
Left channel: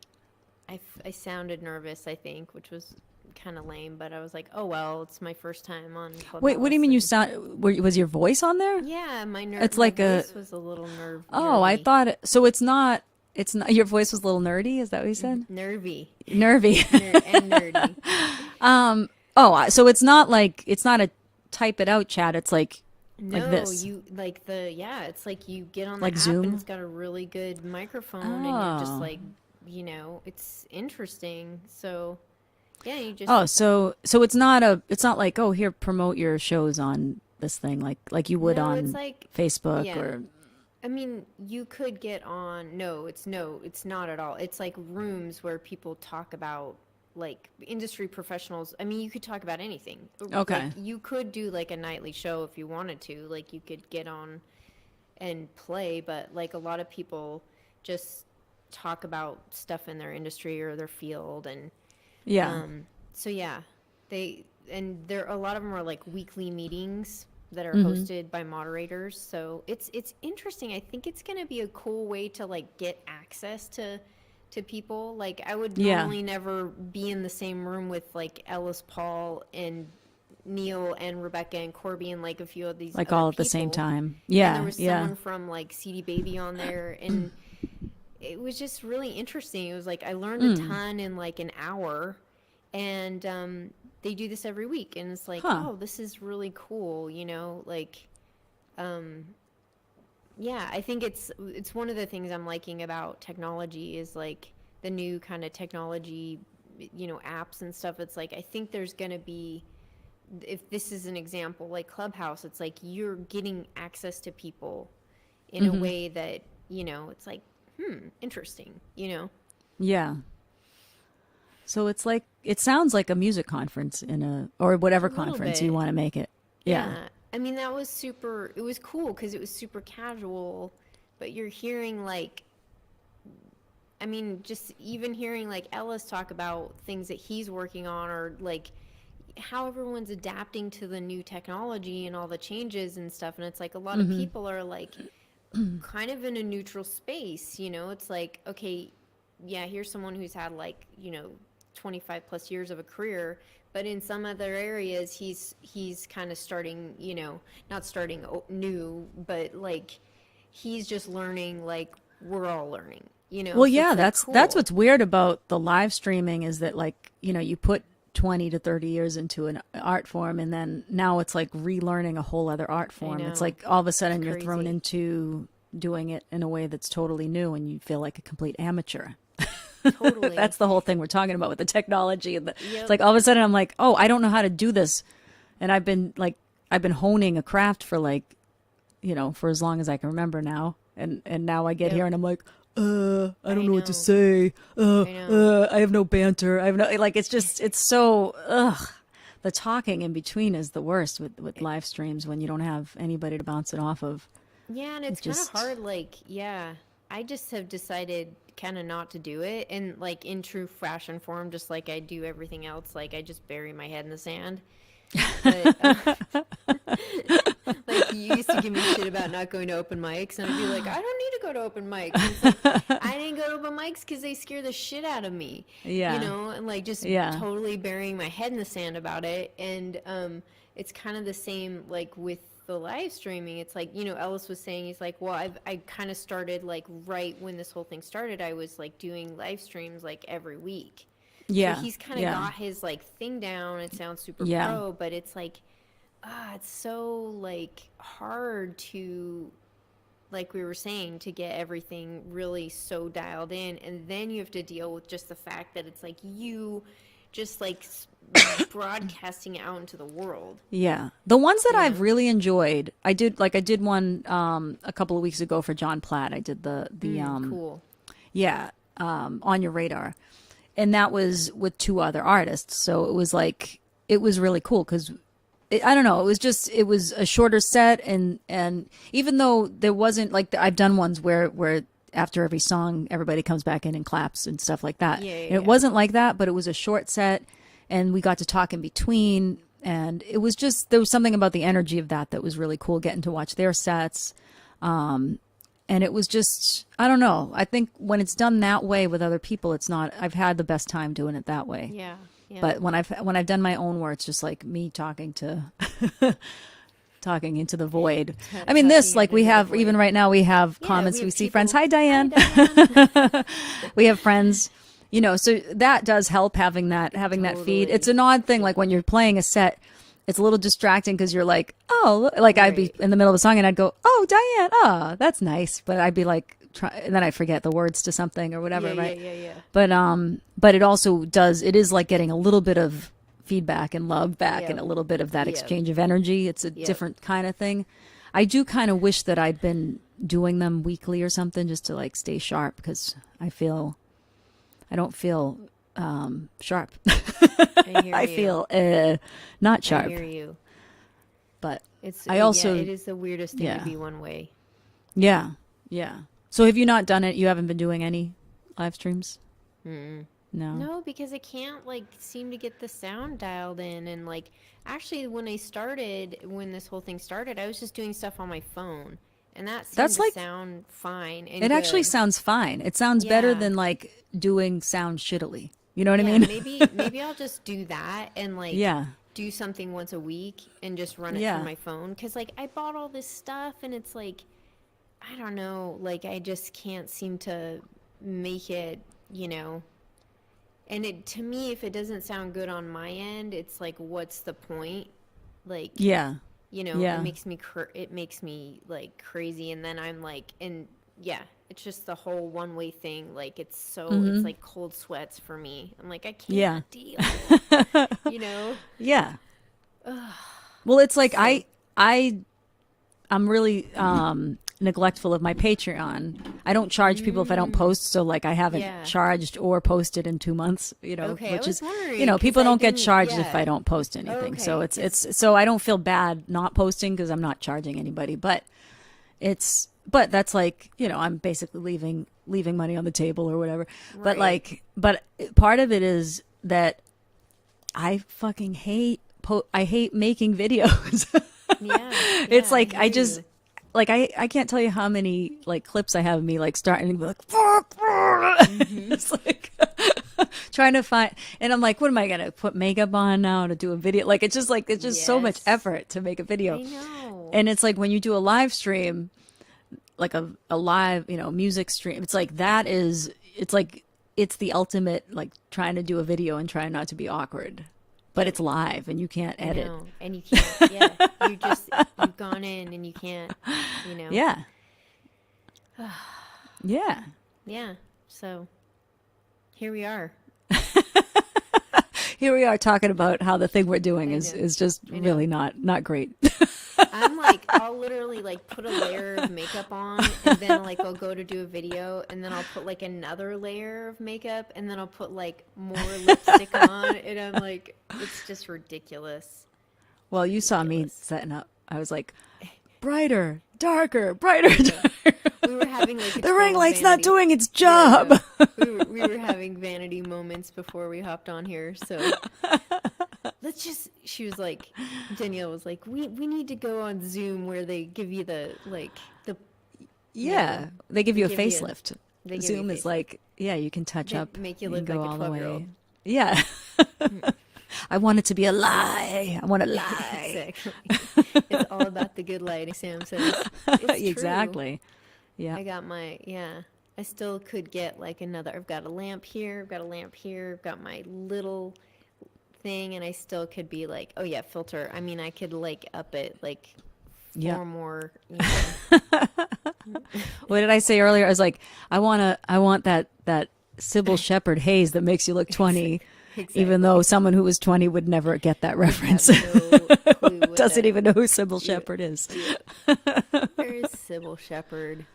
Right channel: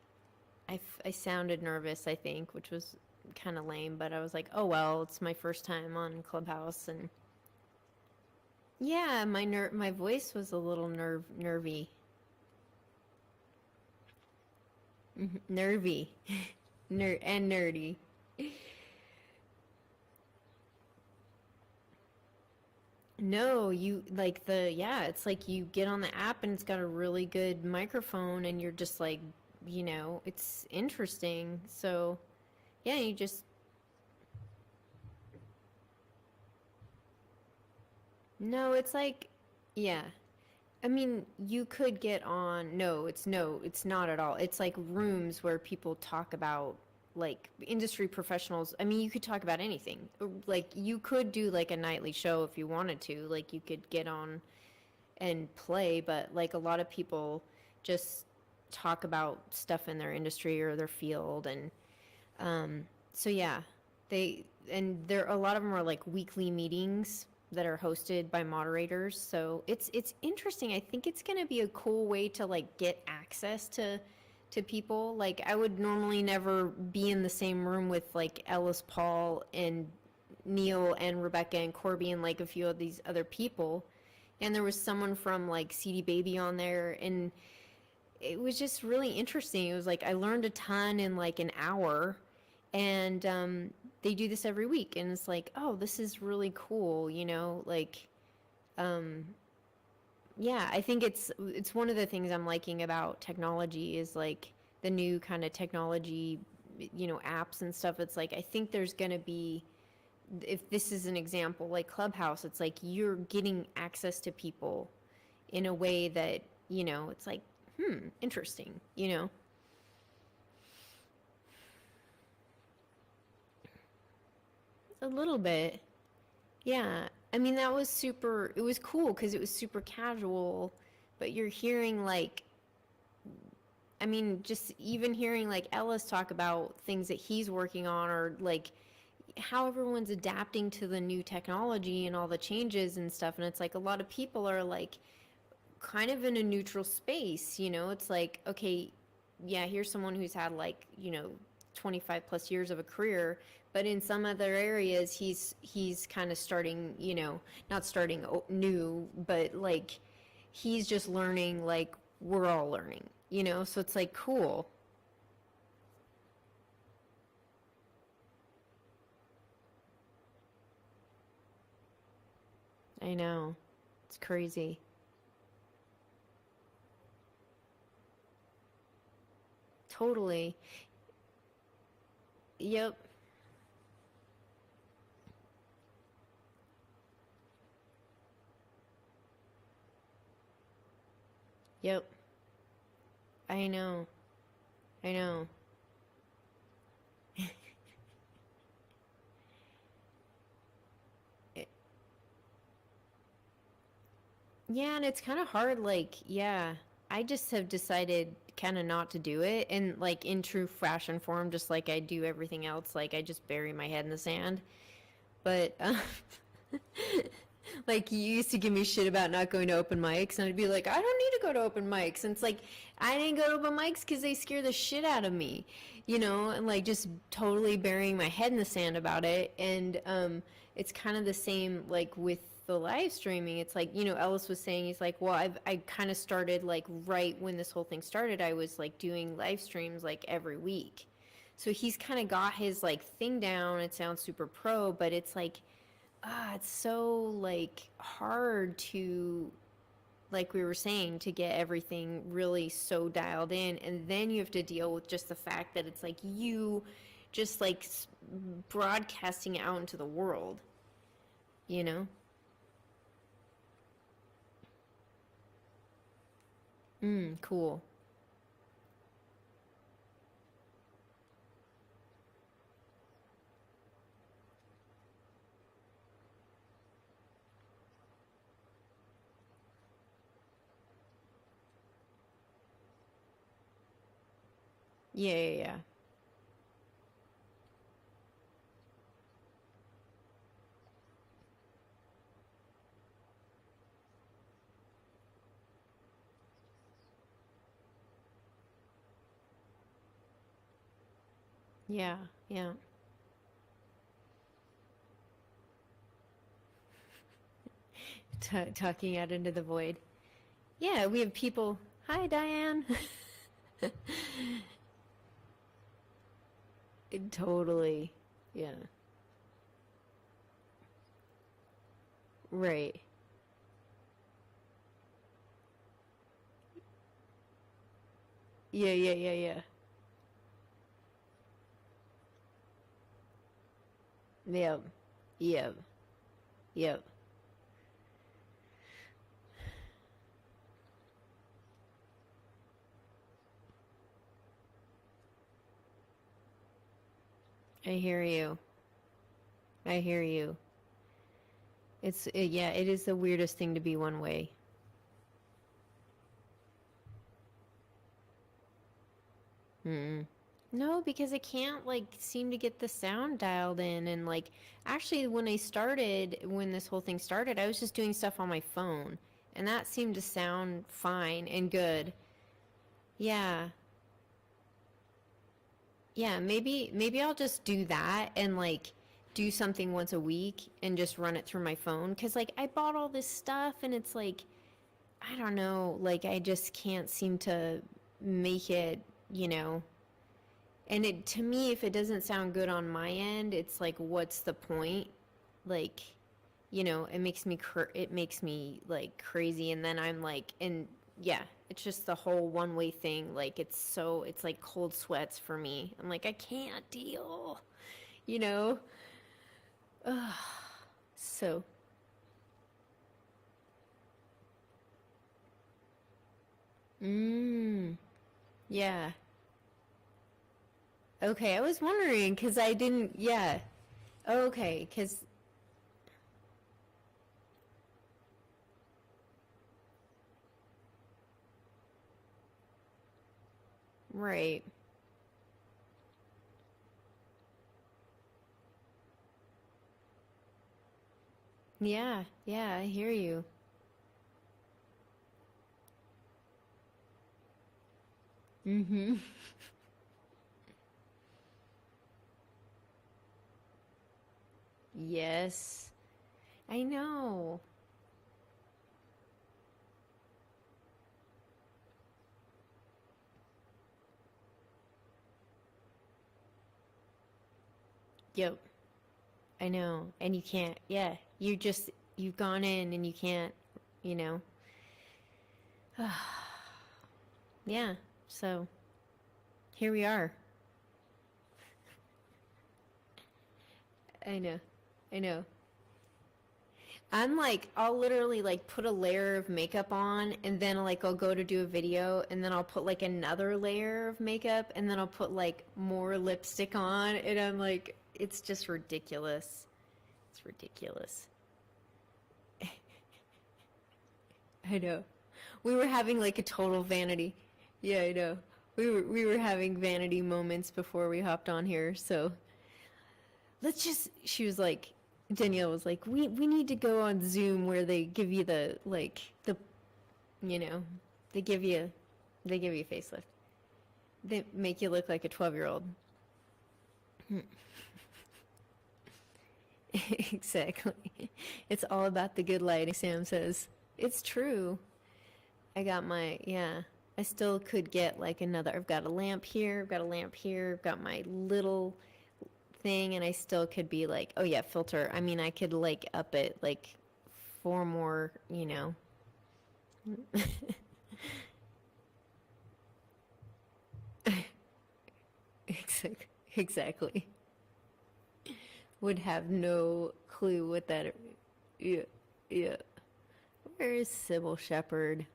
I sounded nervous, I think, which was kind of lame, but I was like, oh well, it's my first time on Wait, what do you Clubhouse, mean you and sound? Was your voice on there? yeah, It's my like a. voice was a little Oh, I nervy. thought so. It's not. It's not. Your voice was a little nerdy. Is that what you said? Nervy. Nervy. And nerdy. So it's not a type it out chat. It's like No, this, you like yeah, it's like you get on the like app and Zoom. it's got a really good microphone and you're just Oh. like, it's interesting. So, yeah, you just So it's not like, oh, here, promote your shows on this thing like you would no, it's on like Facebook yeah. or. I mean, you could get on. No, it's not at all. It's like rooms where people talk about like industry professionals. I mean, you could talk about anything. Like Okay. you could do like a nightly show if you wanted to. Like you could get on and play, but like a lot of people just talk about stuff in their industry or their field and Yeah. so yeah, they and there a lot of them are like weekly meetings that are Mm-hmm. hosted by moderators. So it's interesting. I think it's going to be a cool way to like get access to people. Like I would Yeah. normally never be in the same room with like Ellis Paul and Neil and Rebecca and Corby and like a few of these Like other all at the same people. time. And there Yeah. was Yeah. someone from like CD Baby on there and it was just really interesting. It was like I learned a ton in like an hour, and they do this every week, and it's like, Huh. oh, this is really cool, like, um, yeah, I think it's one of the things I'm liking about technology is like the new kind of technology, apps and stuff. It's like I think there's gonna be if this is an example like Clubhouse, it's like you're getting access to people in a Mm-hmm. way that it's like interesting. Yeah. So it's like it sounds like a music conference in a or A whatever little conference you bit. want to make it. Yeah. Yeah. I mean, that was super, it was cool because it was super casual, but you're hearing like, I mean, just even hearing like Ellis talk about things that he's working on or like how everyone's adapting to the new technology and all the changes and stuff. And it's like a lot of Mm-hmm. people are like kind of in a neutral space. It's like, okay, yeah, here's someone who's had like, 25 plus years of a career, but in some other areas he's kind of starting, not starting new, but like he's just learning like we're all learning. Well, So yeah, it's like that's cool. what's weird about the live streaming is that like, you put 20 to 30 years into an art form and then now it's like relearning a whole other art I form. It's know. like all of a It's sudden you're thrown crazy. into doing it in a way that's totally new and you feel like a complete amateur. Totally. That's the whole thing we're talking about with the technology and it's Yep. like all of a sudden I'm like, "Oh, I don't know how to do this." And I've been honing a craft for like, for as long as I can remember now. And now I get Yep. here and I'm like, I I don't know what to know. say. I know. I have no banter. I have no like. It's so The talking in between is the worst with live streams when you don't have anybody to bounce it off of. Yeah, and it's It kind of just hard. Like, yeah, I just have decided kind of not to do it. And like in true fashion form, just like I do everything else, like I just bury my head in the sand. But like you used to give me shit about not going to open mics, and I'd be like, I don't need to go to open mics. And it's like I didn't go to open mics because they scare the shit out of me, yeah, and like just yeah, totally burying my head in the sand about it. And it's kind of the same like with the live streaming. It's like Ellis was saying, he's like, well, I kind of started like right when this whole thing started. I was like doing live streams like every week. So yeah, he's kind of yeah, got his like thing down. It sounds super yeah, pro, but it's like, it's so like hard to, like we were saying, to get everything really so dialed in. And then you have to deal with just the fact that it's like you just like broadcasting out into the world, yeah. The ones that you I've know? really enjoyed, I did one a couple of weeks ago for John Platt. I did the Cool. yeah, on your radar, and that was with two other artists. So it was really cool because I don't know. It was a shorter set, and even though there wasn't like I've done ones where after every song everybody comes back in and claps and stuff like that. Yeah, And it wasn't like that, but it was a short set, and we got to talk in between, and it was just there was something about the energy of that was really cool. Getting to watch their sets, and it was just I don't know. I think when it's done that way with other people, it's not. I've had the best time doing it that way. Yeah. Yeah. But when I've done my own where it's just like me talking to talking into the void. I mean, this like we have even right now we have comments. We see friends. Hi, Diane. Hi, Diane. We have friends. You know, so that does help having that feed. It's an odd thing, like when you're playing a set, it's a little distracting because you're like, oh, like I'd be in the middle of a song and I'd go, oh, Diane, oh, that's nice, but I'd be like. And then I forget the words to something or whatever. Yeah. But it also does. It is like getting a little bit of feedback and love back, and a little bit of that exchange of energy. It's a different kind of thing. I do kind of wish that I'd been doing them weekly or something just to like stay sharp because I don't feel sharp. I hear you. I feel not sharp. I hear you. But it is the weirdest thing to be one way. Yeah. So have you not done it? You haven't been doing any live streams? No, because I can't like seem to get the sound dialed in. And like actually when this whole thing started, I was just doing stuff on my phone, and that seemed to sound fine and it good. actually sounds fine. It sounds better than like doing sound shittily. You know what I mean? maybe I'll just do that and like do something once a week and just run it from my phone, because like I bought all this stuff and it's like I don't know, like I just can't seem to make it, you know. And it, to me, if it doesn't sound good on my end, it's like, what's the point? Like, you know, it makes me like crazy. And then I'm like, it's just the whole one-way thing. Like, it's like cold sweats for me. I'm like, I can't deal, you know? Yeah. Well, it's like, I'm really, neglectful of my Patreon. I don't charge people if I don't post, so like I haven't charged or posted in 2 months, you know. Okay, I was wondering. You know, people don't get charged if I don't post anything. Okay, so it's so I don't feel bad not posting because I'm not charging anybody, but that's like, you know, I'm basically leaving money on the table or whatever. Right. But part of it is that I fucking hate making videos. It's like I just like I can't tell you how many like clips I have of me like starting to be like fuck. It's like trying to find, and I'm like, what am I gonna put makeup on now to do a video? Like it's just so much effort to make a video. I know. And it's like when you do a live stream, like a live, you know, music stream, it's like it's the ultimate like trying to do a video and trying not to be awkward. But it's live and you can't edit. I know. And you can't, you've gone in and you can't, you know. Yeah. Yeah. Yeah. So here we are. Here we are talking about how the thing we're doing is just really not great. I'm like, I'll literally like put a layer of makeup on, and then like I'll go to do a video, and then I'll put like another layer of makeup, and then I'll put like more lipstick on, and I'm like, it's just ridiculous. Well, you saw me setting up. I was like, brighter, darker, brighter, darker. We were having like the ring light's not doing its job. Yeah. We were having vanity moments before we hopped on here, so she was like, Danielle was like, we need to go on Zoom where they give you the they give you a facelift. Zoom is like, you can touch up, make you look like a 12-year-old. Yeah. I want it to be a lie. I want a lie. Exactly. It's all about the good lighting, Sam says. It's true. Exactly. Yeah. I got I still could get like another, I've got a lamp here, I've got my little thing, and I still could be like, oh yeah, filter. I mean, I could like up it like 4 more, you know. What did I say earlier? I was like, I want that Sybil Shepherd haze that makes you look 20. Exactly. Even though someone who was 20 would never get that reference. No clue what doesn't even know who Sybil Shepherd is. Yeah. Where is Sybil Shepherd?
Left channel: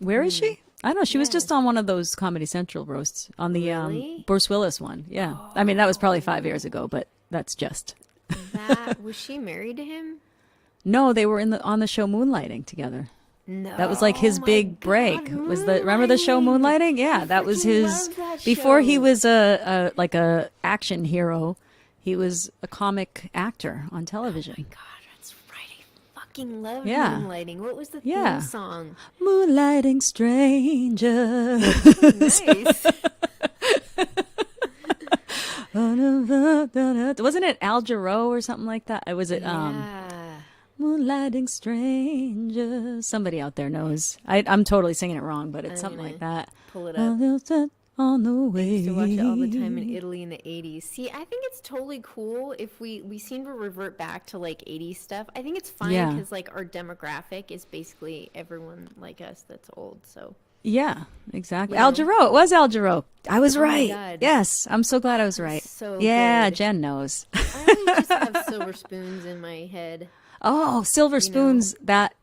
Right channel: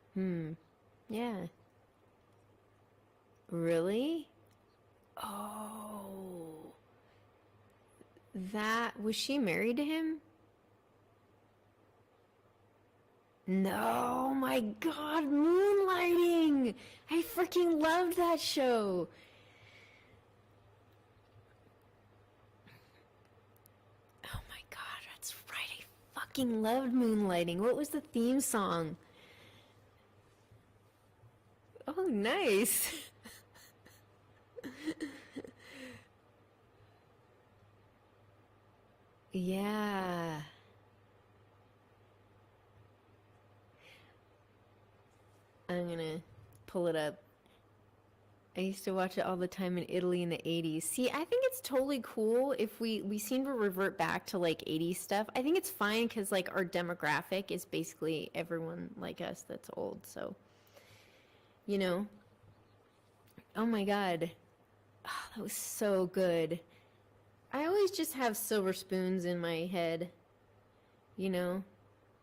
Where is she? I don't know. She was just on one of those Comedy Central roasts on the really? Bruce Willis one. Yeah. Oh. I mean, that was probably 5 years ago, but that's just. That was she married to him? No, they were on the show Moonlighting together. No. That was like his my big break. God, Remember the show Moonlighting? Yeah, I that was freaking his love that before he show. was a like a action hero. He was a comic actor on television. Oh my God, that's right. I fucking loved Yeah. Moonlighting. What was the Yeah. theme song? Moonlighting stranger. Oh, nice. Wasn't it Al Jarreau or something like that? Was it Yeah. Moonlighting stranger? Somebody out there knows. I'm totally singing it wrong, but it's I'm something gonna like that. Pull it up. On the way. I used to watch it all the time in Italy in the 80s. See, I think it's totally cool if we seem to revert back to like 80s stuff. I think it's fine Yeah. because like our demographic is basically everyone like us that's old. So Yeah, exactly. You Al know? Jarreau. It was Al Jarreau. I was Oh my right. God. Yes, I'm so glad I was right. so yeah, good. Jen knows. I always just have silver spoons in my head. Oh, silver know. spoons. That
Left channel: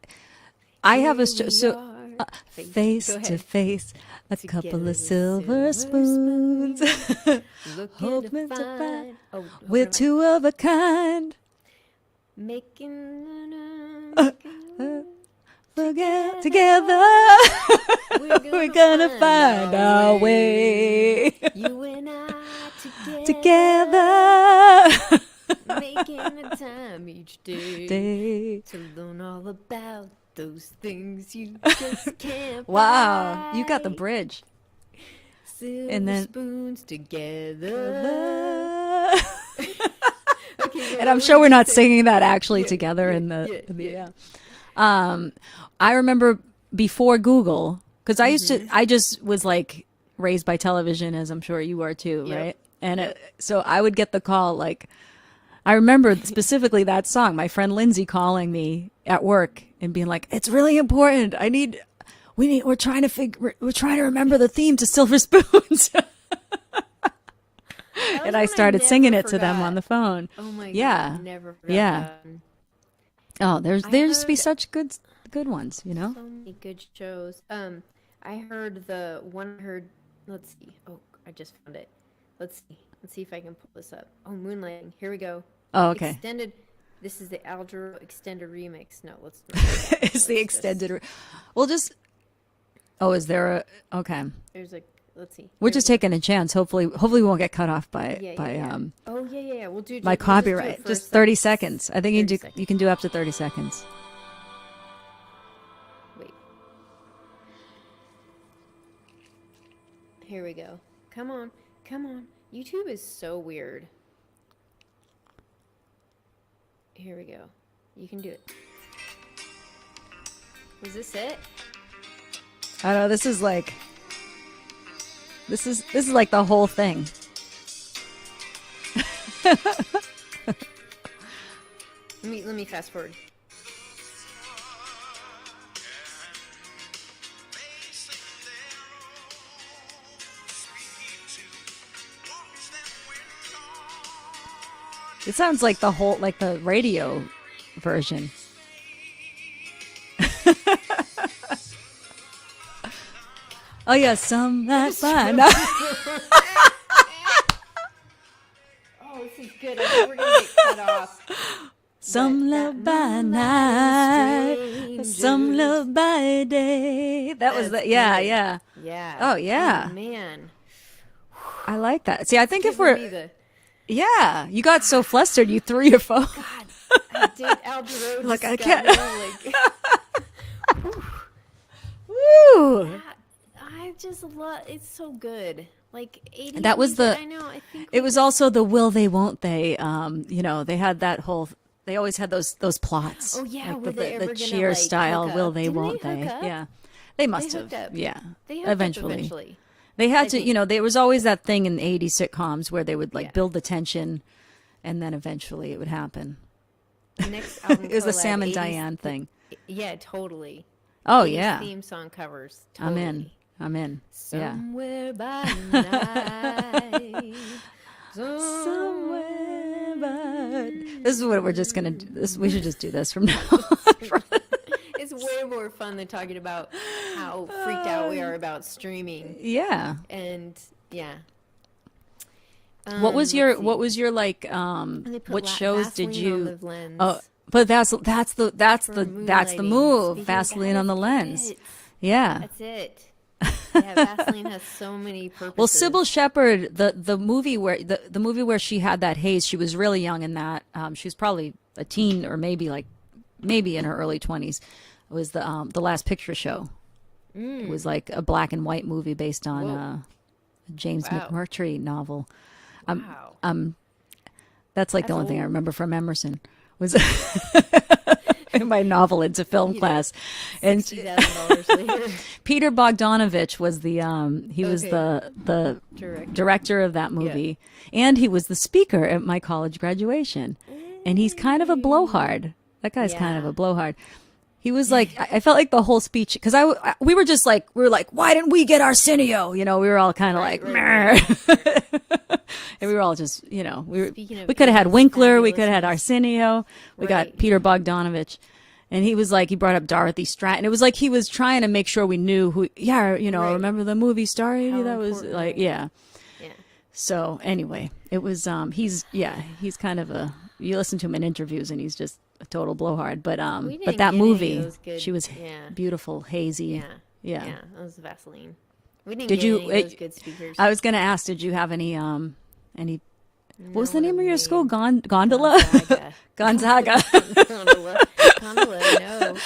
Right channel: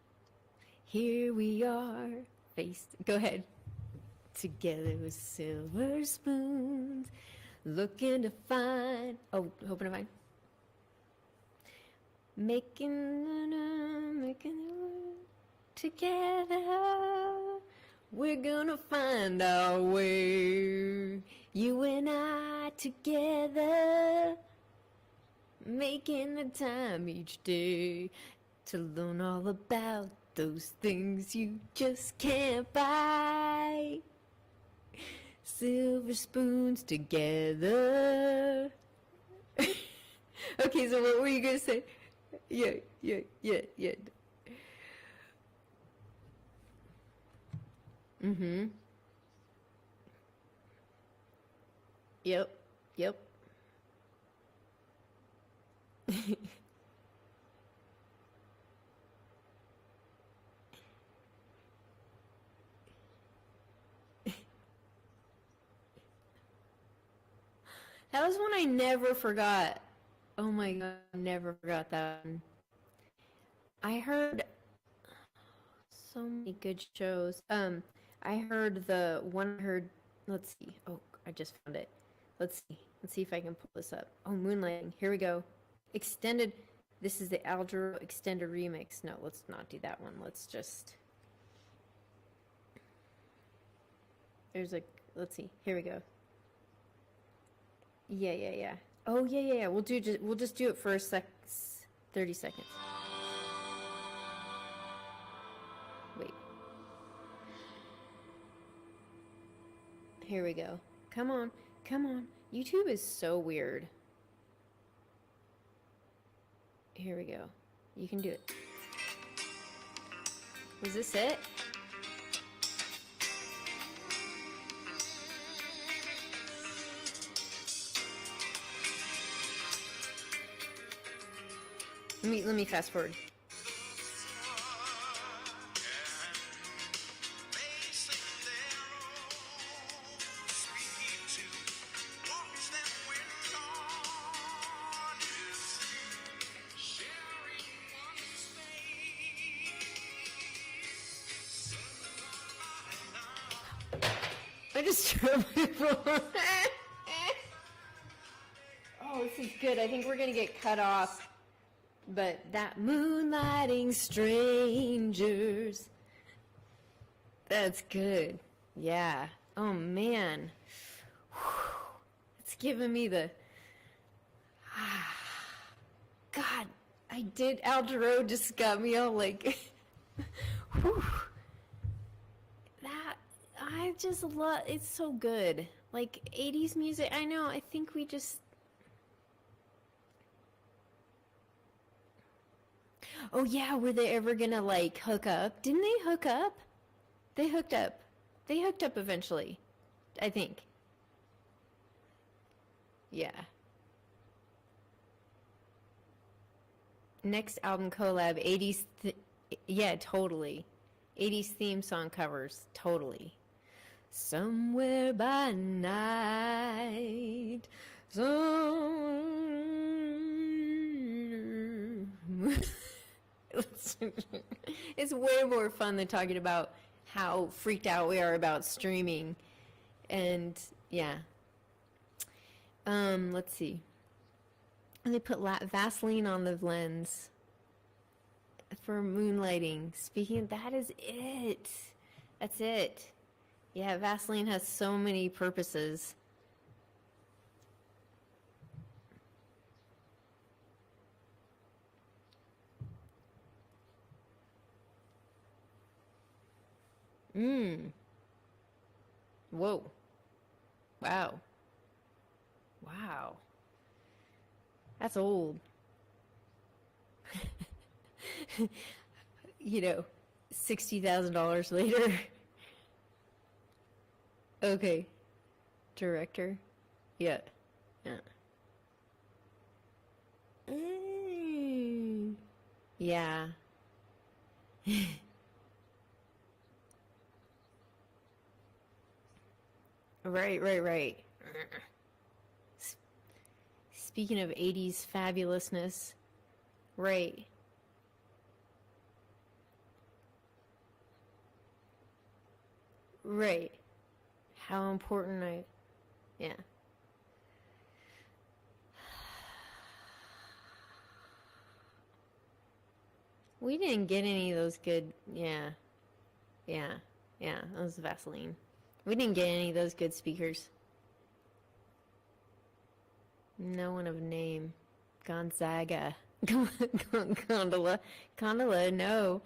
I have a Here we so are, face Go to ahead. face. A Together couple of with silver spoons. Looking Hoping to to find. Oh, We're hoping to find- two of a kind. making. Together. We're gonna find our way. You and I Together. making the time each day to learn all about those things you just can't Wow, buy. you got the bridge. Silver and then- spoons together. Okay, so And what I'm were sure you we're gonna not say? singing that actually Yeah, together yeah, in the, yeah, in the yeah. I remember before Google, because I used Mm-hmm. to, I just was like raised by television, as I'm sure you are too, Yep, right? And yep. so I would get the call, like, I remember specifically that song, my friend Lindsay calling me at work and being like, it's really important. We're trying to remember the theme to Silver Spoons. That was And I one started never singing it to them forgot. on the phone. Oh my god! Yeah. Never forgot Yeah. that. Oh, there used to be heard- such good ones, you know? So many good shows. I heard the one I heard. Let's see. Oh, I just found it. Let's see. Let's see if I can pull this up. Oh, Moonlighting. Here we go. Oh, okay. Extended. This is the Al Jarreau extended remix. No, let's not do that. It's the Let's extended. just- Well, just. Oh, is there a? Okay, There's a. Let's see. we're Here just we go. taking a chance. Hopefully, we won't get cut off by Yeah, yeah, yeah. by Oh yeah, yeah, yeah. We'll do. by we'll just do it copyright. for a Just 30 sec. seconds. I think you 30 can do. seconds. You can do up to 30 seconds. Wait. Here we go. Come on. Come on. YouTube is so weird. Here we go. You can do it. Was this it? I don't know. This is like. This is like the whole thing. Let me fast forward. It sounds like the whole like the radio version. Oh yeah, some that's fine. Oh, this is good. I think we're gonna get cut off. Some But love that by moonlighting night, some strangers. love by day. That was That's the yeah, good. yeah. Yeah. Oh, yeah. Oh man. I like that. See, I think if Giving we're me the yeah, you got so flustered you threw your phone. God. I did. Al Jarreau Like, just I got can't- me all like. Woo! I just love. It's so good. Like 80s. That was music, the- I know. I think It was also the will they won't they. You know, they had that whole. They always had those plots. Oh, yeah, like were they ever the gonna, cheer like, style? hook Will up? they? Didn't they Won't hook up? Yeah, they must hooked have. up. Yeah, They hooked up eventually. They had I to, think. you know, there was always that thing in 80s sitcoms where they would like Yeah. build the tension and then eventually it would happen. Next album It was the collab, Sam and 80s Diane thing. Yeah, totally. Oh, 80s yeah. Theme song covers. I'm Totally. in. I'm in. Yeah. Somewhere by night. Somewhere by- This is what we're just going to do. We should just do this from now on. It's way more fun than talking about how freaked out we are about streaming. Yeah. And yeah. What was your let's see. what was your like They put what shows did Vaseline you on the lens. Oh, but that's for the moonlighting. move. Speaking of, Vaseline that on the is lens. it. Yeah. That's it. Yeah, Vaseline has so many purposes. Well, Sybil Shepherd, the movie where the movie where she had that haze, she was really young in that. She was probably a teen or maybe in her early 20s. It was the Last Picture Show. It was like a black and white movie based on Whoa. a James Wow. McMurtry novel. Wow. That's like the That's only thing I old. remember from Emerson was in my novel into film You know, class. And $60,000 later. Peter Bogdanovich was the he was Okay. the Director. director of that movie, and he was the speaker at my college graduation. And he's kind of a blowhard. That guy's kind of Yeah. a blowhard. He was like, I felt like the whole speech, because we were like, why didn't we get Arsenio? You know, we were all kind of Right, like, right, and we were all just, you know, Speaking of we could have had 80s Winkler, we could have had fabulousness. Arsenio, we got Right. Peter Bogdanovich. And he was like, he brought up Dorothy Stratton. It was like he was trying to make sure we knew who, you know, Right. remember the movie star? How That was important, like, right. yeah. Yeah. So anyway, it was, he's kind of you listen to him in interviews and he's just a total blowhard. But We but didn't that get any of movie, those good- she was yeah. beautiful, hazy. Yeah. Yeah. Yeah. That was Vaseline. We didn't Did get you- any of those good speakers. I was going to ask, did you have any, what was the No, name what of a your school? name. Gondola? Gonzaga. Gonzaga. Gondola, no.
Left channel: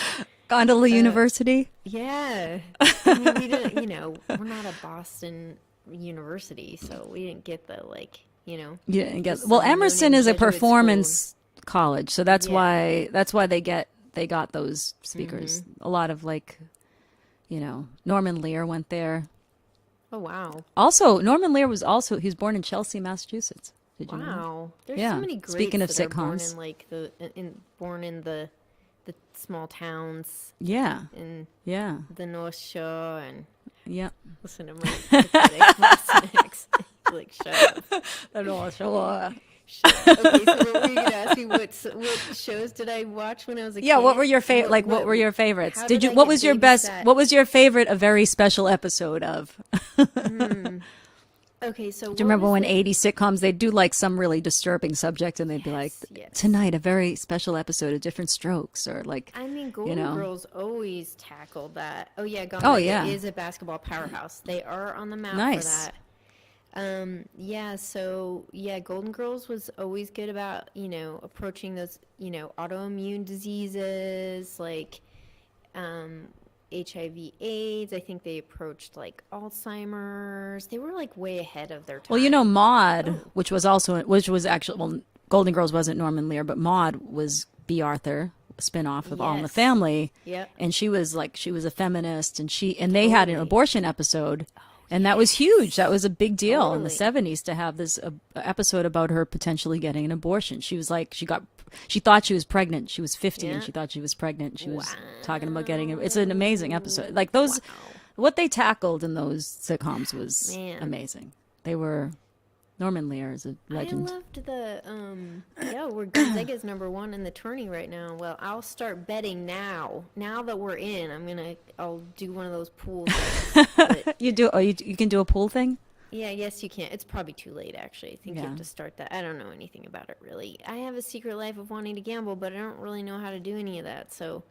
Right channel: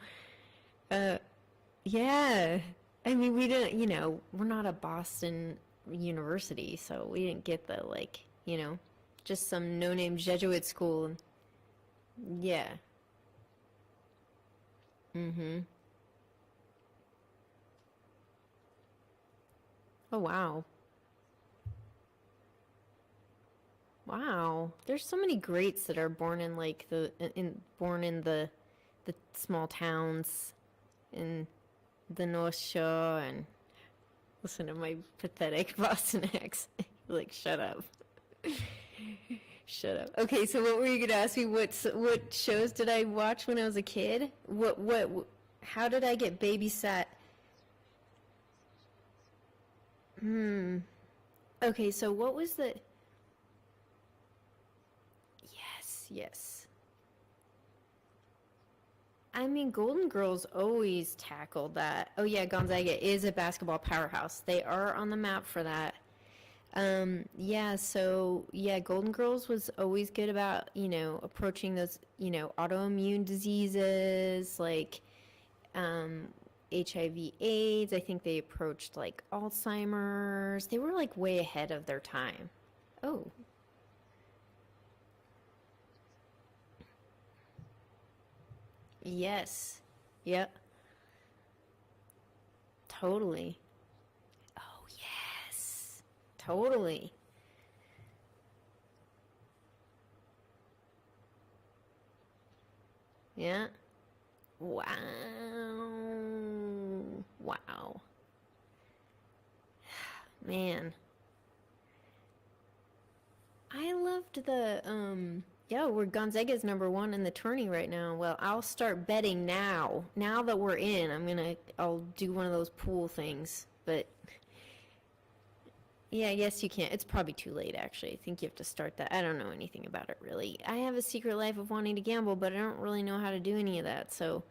Gondola University? Yeah. I mean, we didn't, we're not a Boston university, so we didn't get the, Yeah, I guess. just Well, some Emerson no-name is a Jesuit performance college, so that's Yeah. why they got those speakers. Mm-hmm. A lot of Norman Lear went there. Oh, wow. Also, Norman Lear was born in Chelsea, Massachusetts. Did you know? Wow. There's Yeah. so many greats Speaking of that are born sitcoms. in the small towns Yeah, in yeah, the North Shore and yeah. listen to my pathetic Boston accent. Like, shut up. I don't want to show Shut up. Okay, so what were you gonna ask me? What shows did I watch when I was a kid? Yeah, what were your favorite? What were your favorites? how Did did you? I What get was your best? babysat? What was your favorite? A very special episode of. Okay, so Do you remember when 80 sitcoms they'd do like some really disturbing subject and they'd be like, yes. tonight a very special episode of Different Strokes or like. I mean, Golden know. Girls always tackled that. Oh yeah, Gonzaga yeah. is a basketball powerhouse. They are on the map for Nice. that. Golden Girls was always good about, approaching those, autoimmune diseases like HIV AIDS. I think they approached like Alzheimer's. They were like way ahead of their time. Well, Maude, Oh. which was actually, well, Golden Girls wasn't Norman Lear, but Maude was B. Arthur, a spinoff of All in the Yes. Family. Yep. And she was a feminist and they had an Totally. abortion episode. And that was huge. That was a big deal in the Totally. 70s to have this episode about her potentially getting an abortion. She was like, she thought she was pregnant. She was 50 and Yeah. she thought she was pregnant. She was Wow. talking about getting it. It's an amazing episode. Like those, Wow. what they tackled in those sitcoms was Man. amazing. They were, Norman Lear is a legend. I loved the we're Gonzaga's #1 in the tourney right now. Well, I'll start betting now. Now that we're in, I'll do one of those pool things. But You can do a pool thing? yeah, I guess you can't. It's probably too late actually. I think you Yeah. have to start that. I don't know anything about it really. I have a secret life of wanting to gamble, but I don't really know how to do any of that. So,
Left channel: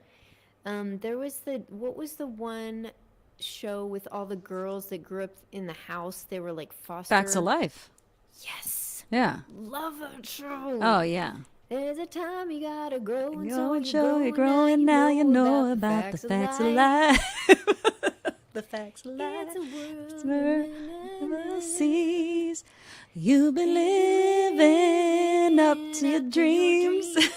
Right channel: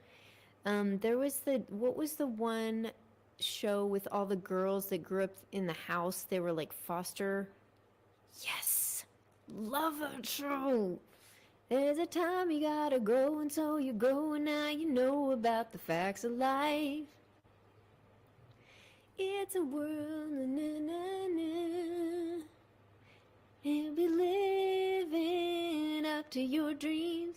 there was what was the one show with all the girls that grew up in the house? They were like foster. Facts of Life. Yes. Yeah. Love that show. Oh, yeah. There's a time you gotta grow, and so You're you're growing now, you know about facts the of facts of life. life. The facts of life. It's a world World seas. You've been living up to your dreams.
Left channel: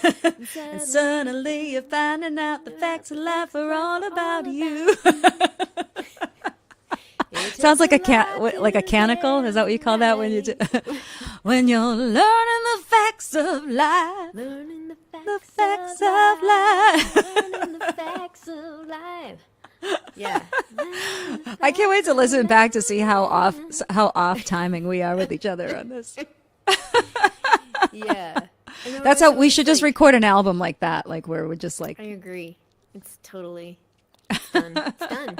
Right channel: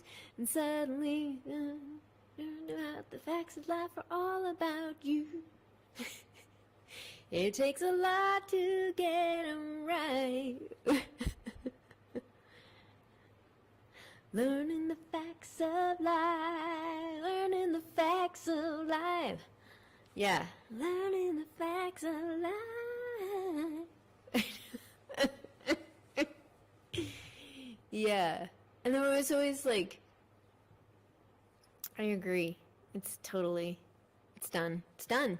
And suddenly you're finding out the facts of life are all about you. Sounds like a canticle. Is that what you call that when you do? When you're learning the facts of life. Learning the facts, facts of of life. life. Learning the facts of life. Yeah. I can't wait to listen back to see how off timing we are with each other on this. Yeah. And That's how we should just record an album like that, like where we're just like. I agree. It's totally. It's done. It's done.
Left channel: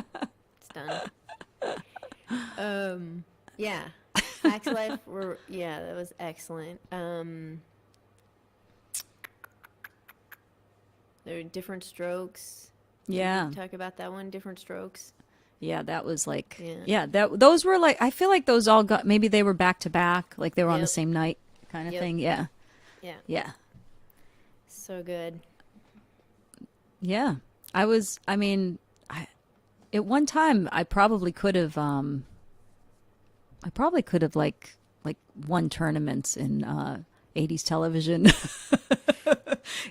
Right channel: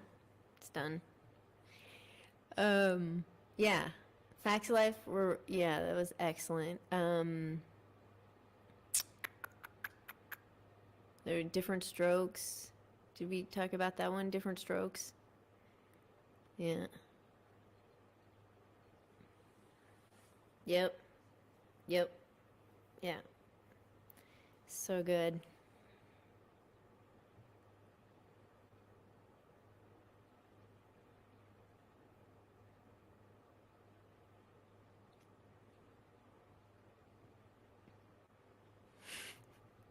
It's done. Yeah. Facts of Life were, yeah, that was excellent. There were Different Strokes. Yeah. Did you talk about that one, Different Strokes? Yeah, that was like, Yeah. those were like, I feel like those all got, maybe they were back to back, like they were on the Yep. same night kind of Yep. thing. Yeah. Yeah. Yeah. So good. Yeah. I mean, at one time I probably could have, like won tournaments in, 80s television,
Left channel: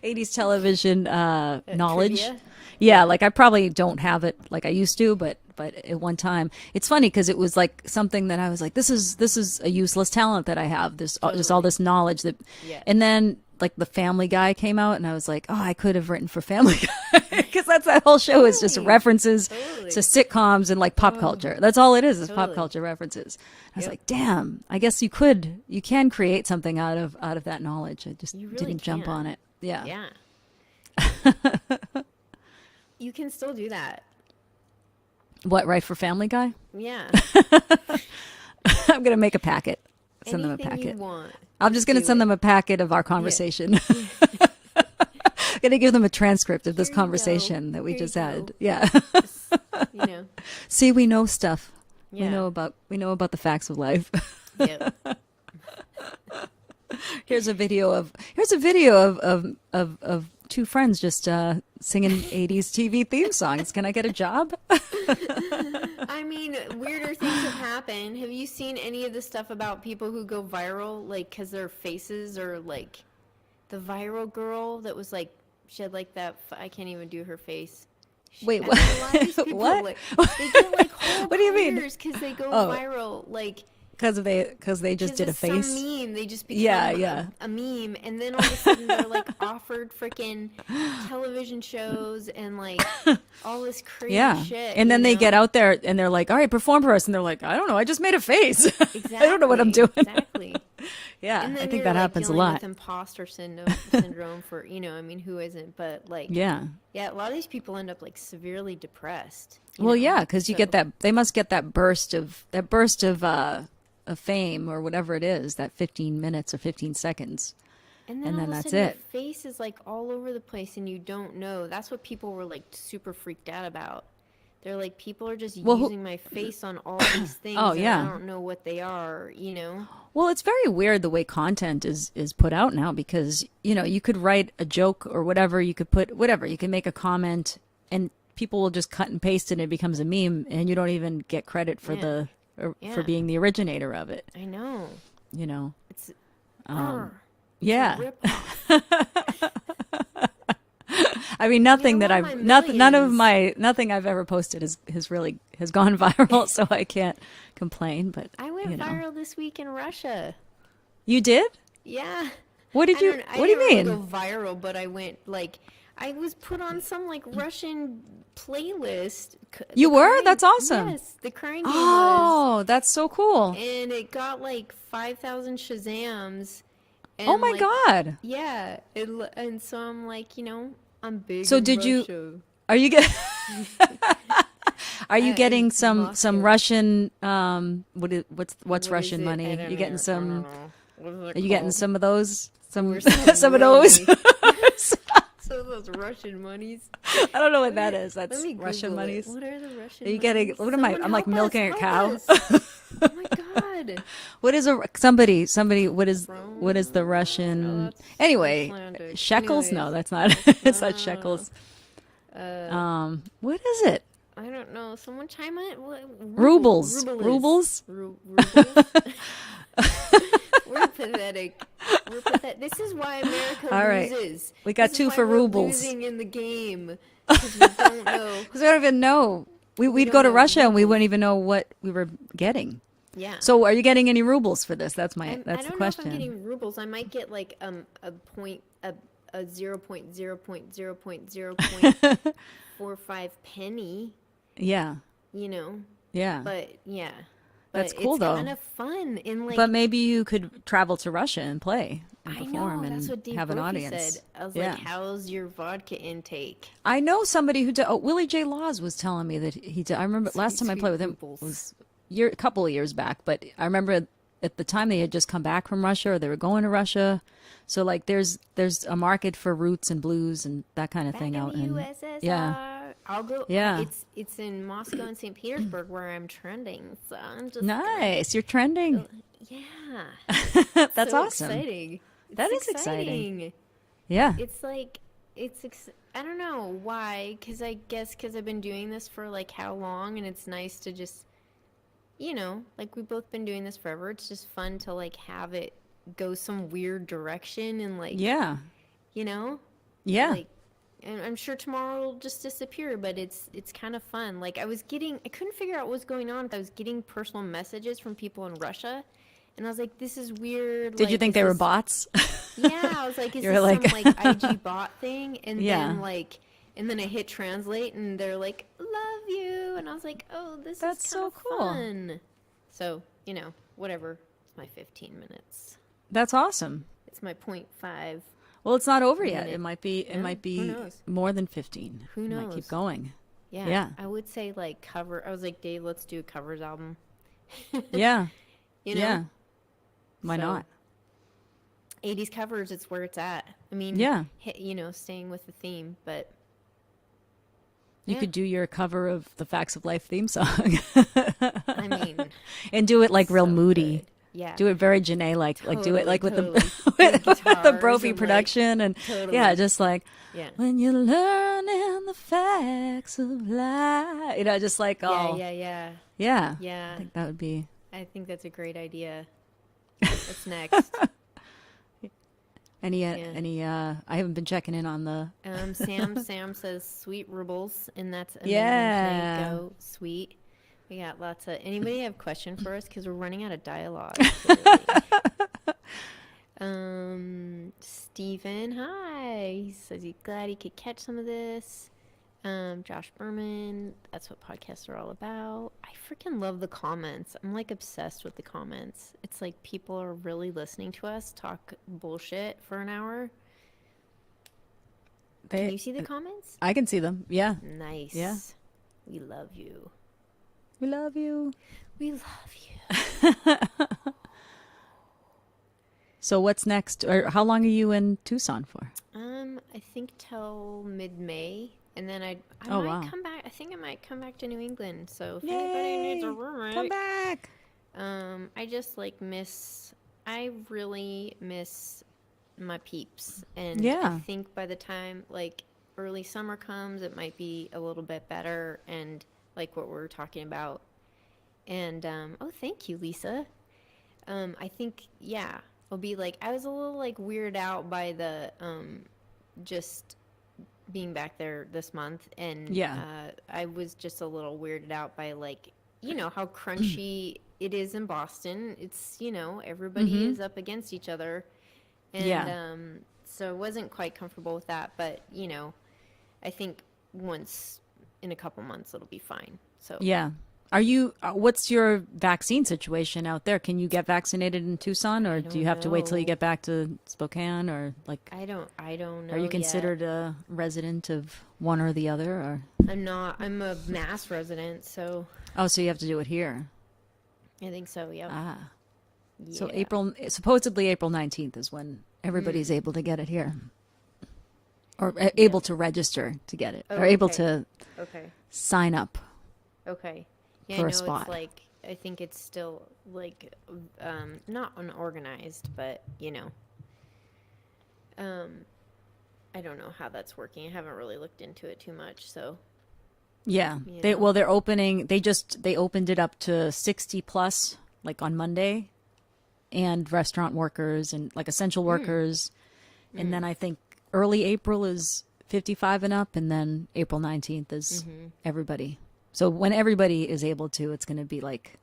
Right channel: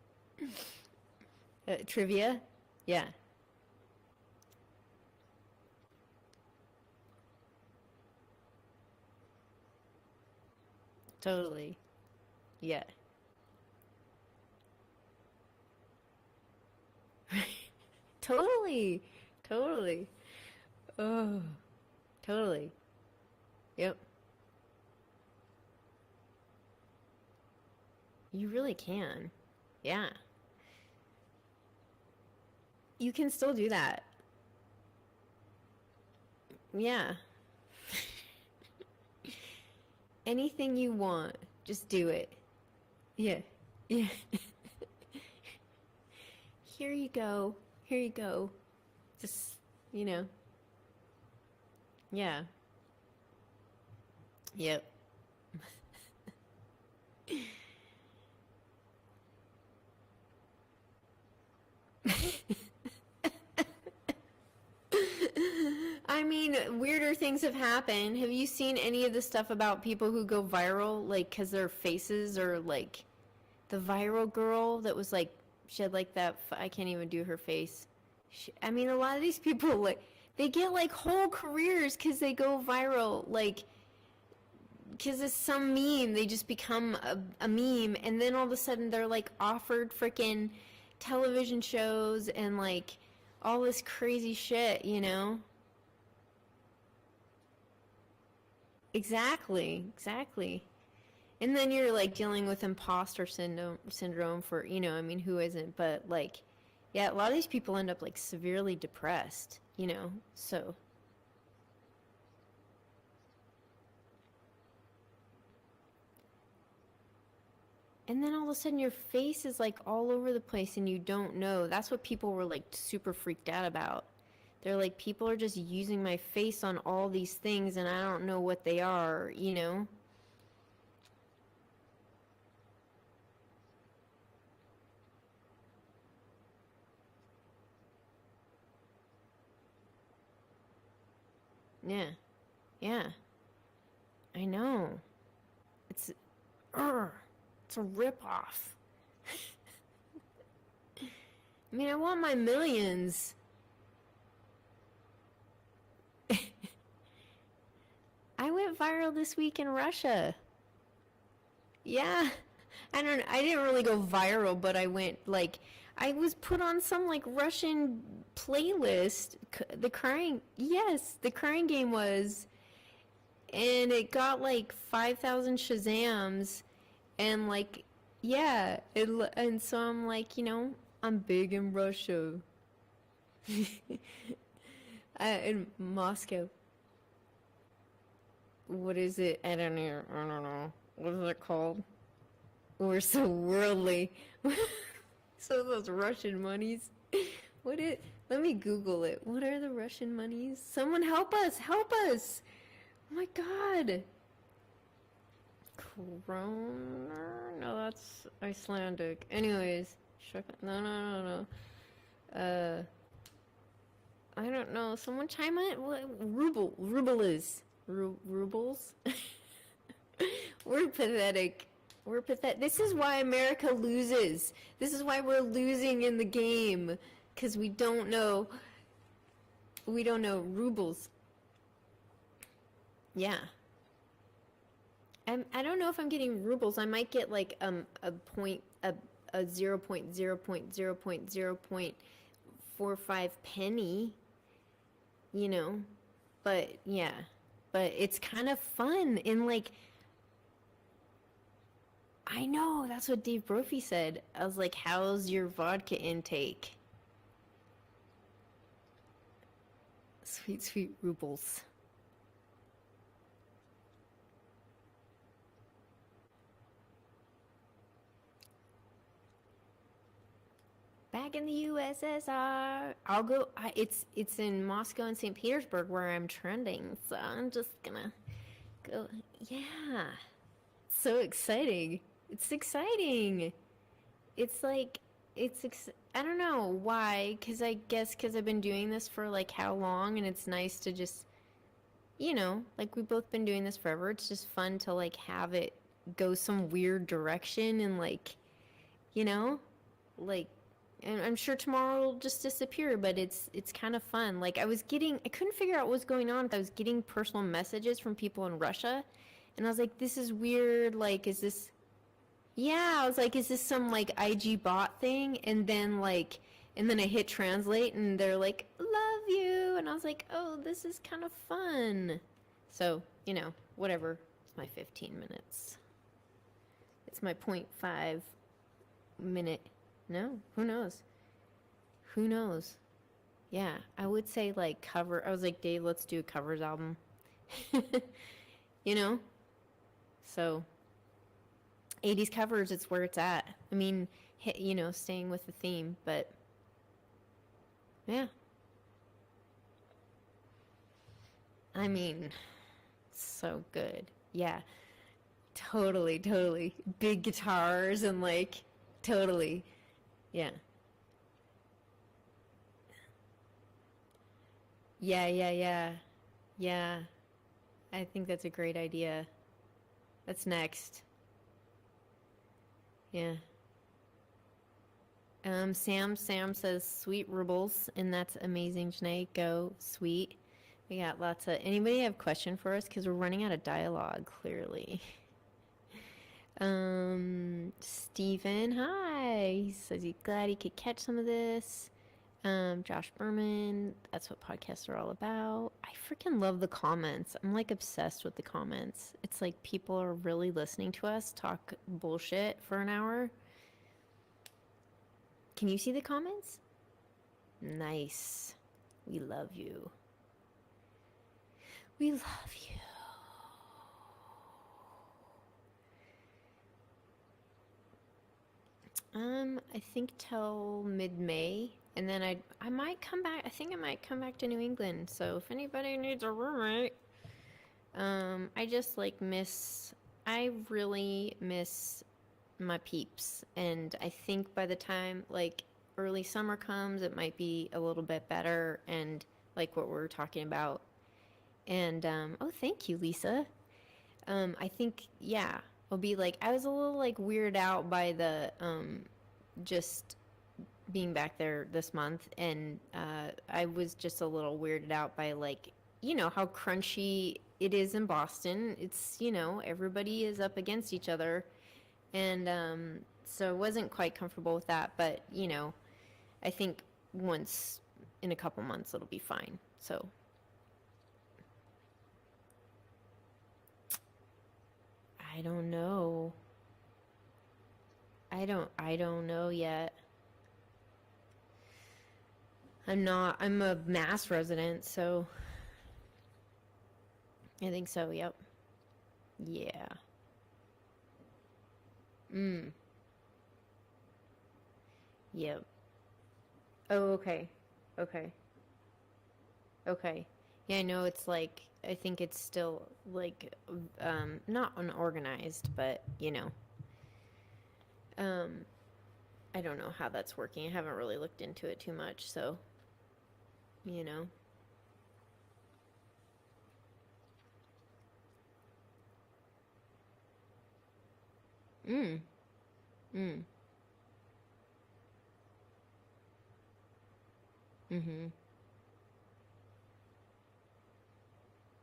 80s television, knowledge. Trivia? Yeah, Yeah. like I probably don't have it like I used to, but at one time, it's funny because it was like something that I was like, this is a useless talent that I have. This just all Totally. this knowledge that, Yeah. and then like the Family Guy came out, and I was like, oh, I could have written for Family Guy because that's that whole show is just Totally. references Totally. to sitcoms and like pop culture. That's all it is pop Totally. culture references. I was Yep. like, damn, I guess you can create something out of that knowledge. I just You really didn't jump on can. it. Yeah. Yeah. You can still do that. What, right for Family Guy? Yeah. I'm gonna make a packet. Send them a Anything packet. you want. I'm just gonna do send it. them a packet of our conversation. Gonna give them a transcript of this Here you go. conversation that we Here you just go. had. Yeah. Just, you know. See, we know stuff. Yeah. We know about the facts of life. Yep. Here's a video of two friends just singing 80s TV theme songs. Can I get a job? I mean, weirder things have happened. Have you seen any of the stuff about people who go viral, like, because their faces are like the viral girl that was like, she had like that, I can't even do her face. Wait, I what? mean, a lot of these people, What? like, they get like whole What do you mean? careers because they go Oh. viral, like, Because they just because did a of face. some meme, they just become Yeah. A meme, and then all of a sudden they're like offered freaking television shows and like all this crazy Yeah. shit. And then you they know? get out there and they're like, all right, perform for us. And they're like, I don't know. I just made a face. Exactly. I don't know what I'm doing. Exactly. Yeah. And I then think you're that like happens a dealing lot. with imposter syndrome for, I mean, who isn't? But like, Yeah. a lot of these people end up like severely depressed. Well, yeah, because you So- get that. They must get that burst of of fame or whatever it is. That 15 minutes or 15 seconds. And then and all then of a that's sudden your it. face is like all over the place and you don't know. That's what people were like super freaked out about. They're like, people are just Well, using my face on all these things Oh, and yeah. I don't know what they are, Well, it's very weird the way content is put out now because, you could write a joke or whatever, you could put whatever, you can make a comment and people will just cut and paste it and it becomes a meme and you don't even get credit for Yeah. for Yeah. being the originator of it, I know. It's yeah. a rip-off. I mean, nothing I that want I've my nothing I've ever posted has gone viral, so I can't complain, but I went viral this week in Russia. You did? Yeah. What did I you don't- I what do you didn't really mean? go viral, but I went like I was put on some like Russian playlist. You The were? Crying- That's awesome. Yes, the crying game was, Oh, that's so cool. and it got like 5,000 Shazams. And Oh my like, God. Yeah, and so I'm like, I'm big. So in did you- Russia. Are you get Are you getting in some Moscow. Russian what's What Russian is it? money? I don't You getting know. I some don't know. What is it Are you getting called? some of those? Some Or some of those? really- Some of those Russian monies. I don't know what What that are- is. That's Let me Russian Google monies. it. What are the Russian Are you monies? getting what am I? Someone I'm like help us, milking a help cow. us. Oh my God. What is somebody what is the No, Russian that's anyway, Icelandic. shekels? No, Anyways, that's not it's not no. shekels. uh, What is it? I don't know. Someone chime in. Rubles. Rubles. Rubles. We're pathetic. We're pathetic. This is why America All right. loses. We got This is two why for we're rubles. losing in the game because we don't know. Because we don't even know. We'd don't go to know Russia and we rubles. wouldn't even know what we were getting. Yeah. So, are you getting any rubles for this? That's I the don't know if question. I'm getting rubles. I might get like a point a 0.0.0.0.45 penny. Yeah, yeah. But yeah, That's cool, it's though. kind of fun and like but maybe you could travel to Russia and play. and I perform know and that's what Dave have an Brophy audience. said. I was like, Yeah. "How's your vodka intake?" I know somebody who did. Oh, Willie J. Laws was telling me that he did. I remember last time I played with him Rubles. was a couple of years back, but I remember at the time they had just come back from Russia or they were going to Russia. So like there's a market for roots and blues and that kind of Back thing in out the USSR. yeah. I'll go. Yeah. It's in Moscow and St. Petersburg where I'm trending. So I'm just Nice. You're trending. Go, yeah. That's so awesome. exciting. That is exciting. Yeah. It's like I don't know why, because I guess because I've been doing this for like how long, and it's nice to just, like we've both been doing this forever. It's just fun to like have it go some weird direction and like, Yeah. Yeah. like, and I'm sure tomorrow will just disappear, but it's kind of fun. Like I couldn't figure out what was going on. I was getting personal messages from people in Russia, and I was like, this is weird. Did you think they were bots? Yeah, I was like, is this like... some like IG bot thing? And then I hit translate and they're like, love you. And I was like, oh, this is kind of cool. fun. So, whatever. It's my 15 minutes. That's awesome. It's my 0.5. Well, it's not over yet. It might be Who knows? more than 15. Who knows? Might keep going. Yeah. I would say like cover. I was like, Dave, let's do a covers album. Yeah. Yeah. Why not? 80s covers, it's where it's at. I mean, staying with the theme, but you could do your cover of the Facts of Life theme song. I mean, and do it like real moody. Good. Yeah. Do it very Janae like do it like with the the Brophy production and totally. Just like when you're learning the facts of life. Just like Yeah. I think that would be. I think that's a great idea. That's next. Any I haven't been checking in on the Sam says sweet rubles, and that's amazing. Yeah. Go sweet. We got lots of. Anybody have a question for us? Because we're running out of dialogue. Clearly. Stephen, hi. He says he's glad he could catch some of this. Josh Berman, that's what podcasts are all about. I freaking love the comments. I'm like obsessed with the comments. It's like people are really listening to us talk bullshit for an hour. Can you see the comments? I can see them. Yeah. Nice. Yeah. We love you. We love you. We love you. So what's next? Or how long are you in Tucson for? I think till mid-May. And then I might come back. I think I might come back to New England. So if anybody needs a roommate, come back. I just like I really miss my peeps. And I think by the time like early summer comes, it might be a little bit better. And like what we're talking about. And, thank you, Lisa. I think, it'll be like, I was a little like weirded out by the, just being back there this month, and I was just a little weirded out by like how crunchy it is in Boston. It's everybody is up against each other, and so I wasn't quite comfortable with that. But I think once in a couple months it'll be fine. So Are you? What's your vaccine situation out there? Can you get vaccinated in Tucson, or do you have to wait till you get back to Spokane, or like? I don't know. Are you considered a resident of one or the other, or? I'm not. I'm a Mass resident, so. Oh, so you have to do it here. I think so. Yep. Ah. Yeah. So supposedly April 19th is when everybody's able to get it here, or able to register to get it, or able to sign up. Okay. Yeah, I know it's like, I think it's still like, not unorganized, but I don't know how that's working. I haven't really looked into it too much, so. Yeah. They're opening, they opened it up to 60 plus, like on Monday, and restaurant workers and like essential workers. And then I think early April is 55 and up, and then April 19th is everybody. So when everybody is able to, it's going to be like,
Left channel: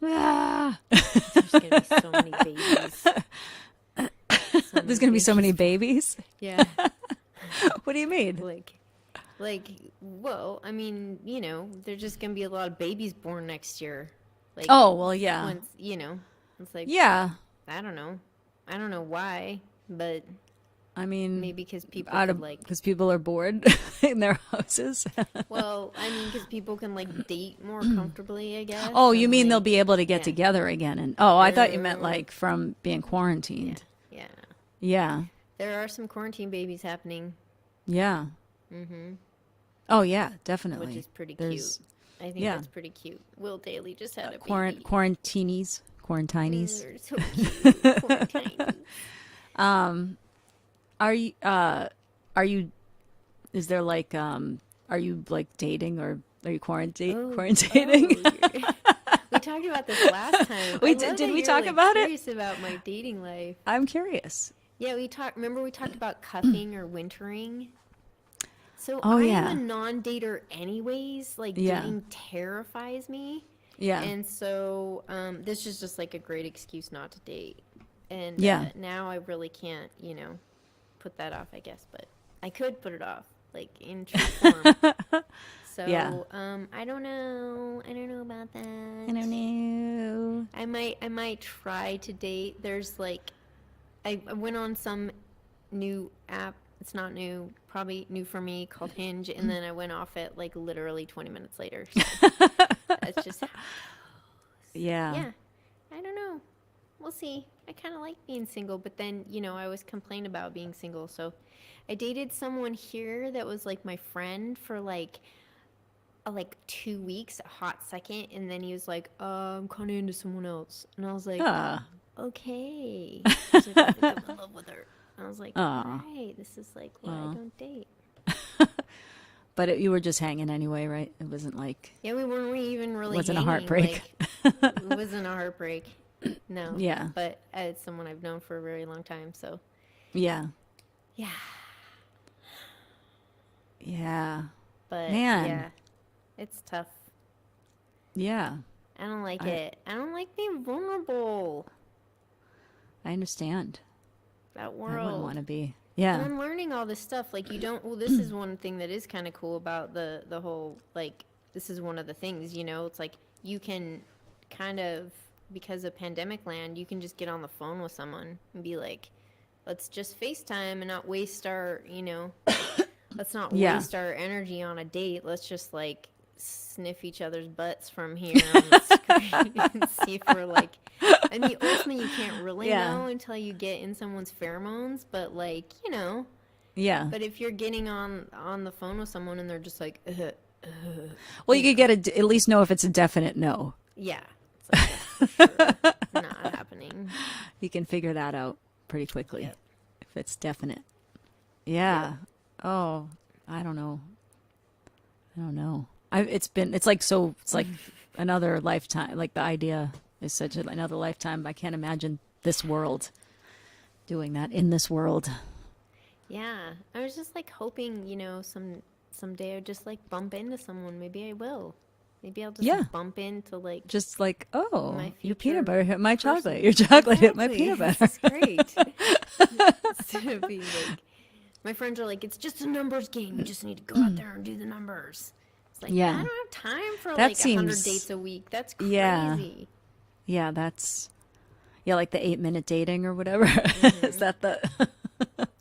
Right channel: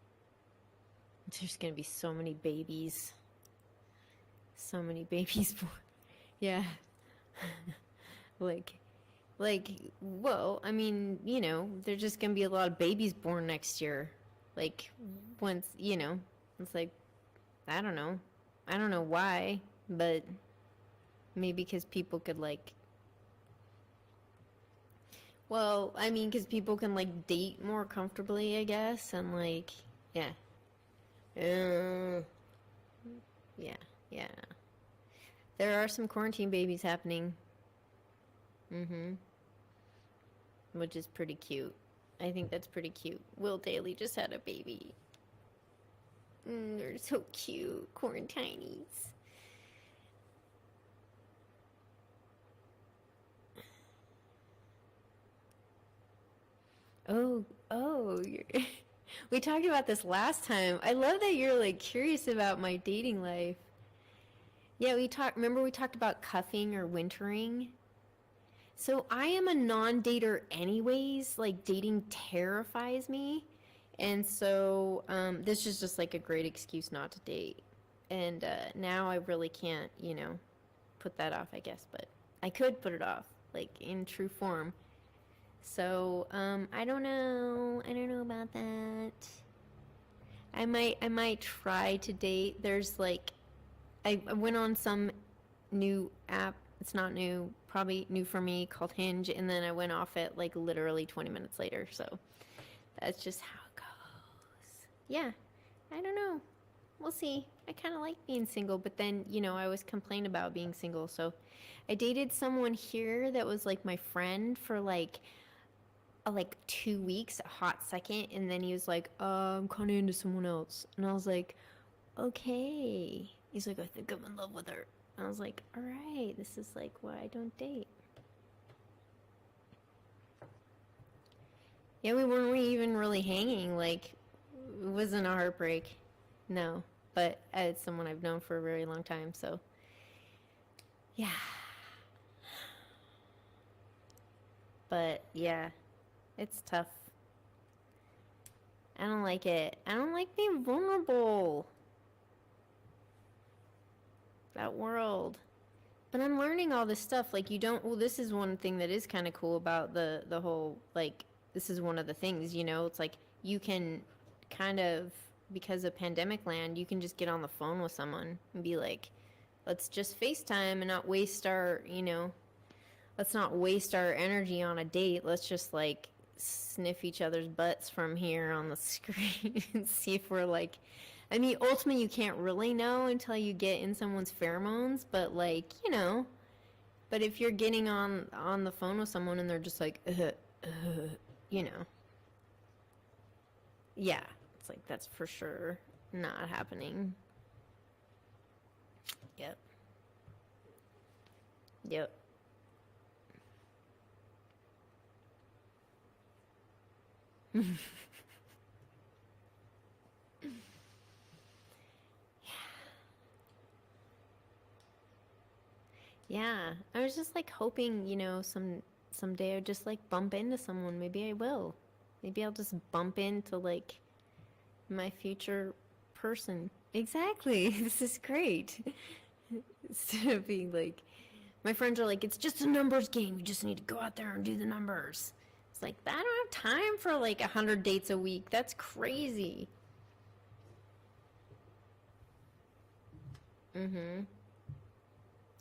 There's going to be so many babies. There's going to be so many babies? Yeah. What do you mean? Well, I mean, there's just going to be a lot of babies born next year. Like, oh, well, yeah. Once, it's like, yeah. I don't know. I don't know why, but I mean, Maybe because people could like, because people are bored in their houses. well, I mean, because people can like date more comfortably, I guess. Oh, you and, mean they'll like, be able to get yeah, together again? And oh, I thought you meant Uh, like from being yeah, quarantined. yeah. Yeah, There are some quarantine babies happening, yeah. mm-hmm, Oh, yeah, definitely. which is pretty cute. There's I think yeah, that's pretty cute. Will Daly just had a baby. quarantinis, They're so cute. Quarantine. Are you are you is there like are you like dating or are you quarantining? We talked about this last time. We I did- love did that we you're talk like about it? curious about my dating life. I'm curious. Yeah, we talked. Remember we talked about cuffing or wintering. So Oh, I am yeah. a non-dater anyways. Like Yeah. dating terrifies me. Yeah. And so this is just like a great excuse not to date. And Yeah. now I really can't, put that off, I guess. But I could put it off, like in true form. So Yeah. I don't know. I don't know about that. I don't know. I might try to date. There's like I went on some new app. It's not new, probably new for me, called Hinge, and then I went off it like literally 20 minutes later. So that's just how it goes. Yeah. Yeah. I don't know. We'll see. I kind of like being single, but then, I always complain about being single. So I dated someone here that was like my friend for like 2 weeks, a hot second, and then he was like, I'm kind of into someone else. And I was like, okay. He was like, I think I'm in love with her. And I was like, all right, this is like why I don't date. But you were just hanging anyway, right? It wasn't like Yeah, we weren't even really wasn't a hanging. heartbreak. Like, it wasn't a heartbreak. No. Yeah. But it's someone I've known for a very long time, so. yeah. Yeah. Yeah. But, Man. yeah, it's tough. Yeah. I don't like it. I don't like being vulnerable. I understand. That I wouldn't world. want to be. And Yeah. I'm learning all this stuff. Like, you don't, well, this is one thing that is kind of cool about the whole, like, this is one of the things, it's like you can kind of, because of pandemic land, you can just get on the phone with someone and be like, let's just FaceTime and not waste our, let's not Yeah. waste our energy on a date. Let's just, like, sniff each other's butts from here on the screen and see if we're like, I mean, ultimately you can't really Yeah. know until you get in someone's pheromones, but like, Yeah. but if you're getting on the phone with someone and they're just like, Well, you could get at least know if it's a definite no. yeah, it's like that's for sure not happening. You can figure that out pretty quickly Yep. if it's definite. Yeah. Yep. Oh, I don't know. It's like another lifetime. Like the idea is such another lifetime. I can't imagine this world doing that in this world. Yeah, I was just like hoping, someday I'd just like bump into someone. Maybe I will. Maybe I'll just Yeah. bump into like Just like, oh, my your future peanut butter hit my person. chocolate. Your chocolate hit my Exactly. peanut butter. This is great. Instead of being like, my friends are like, it's just a numbers game. You just need to go out there and do the numbers. It's like, Yeah. I don't have time for That like 100 seems- dates a week. That's Yeah. crazy. Yeah, like the 8-minute dating or whatever. Is that the?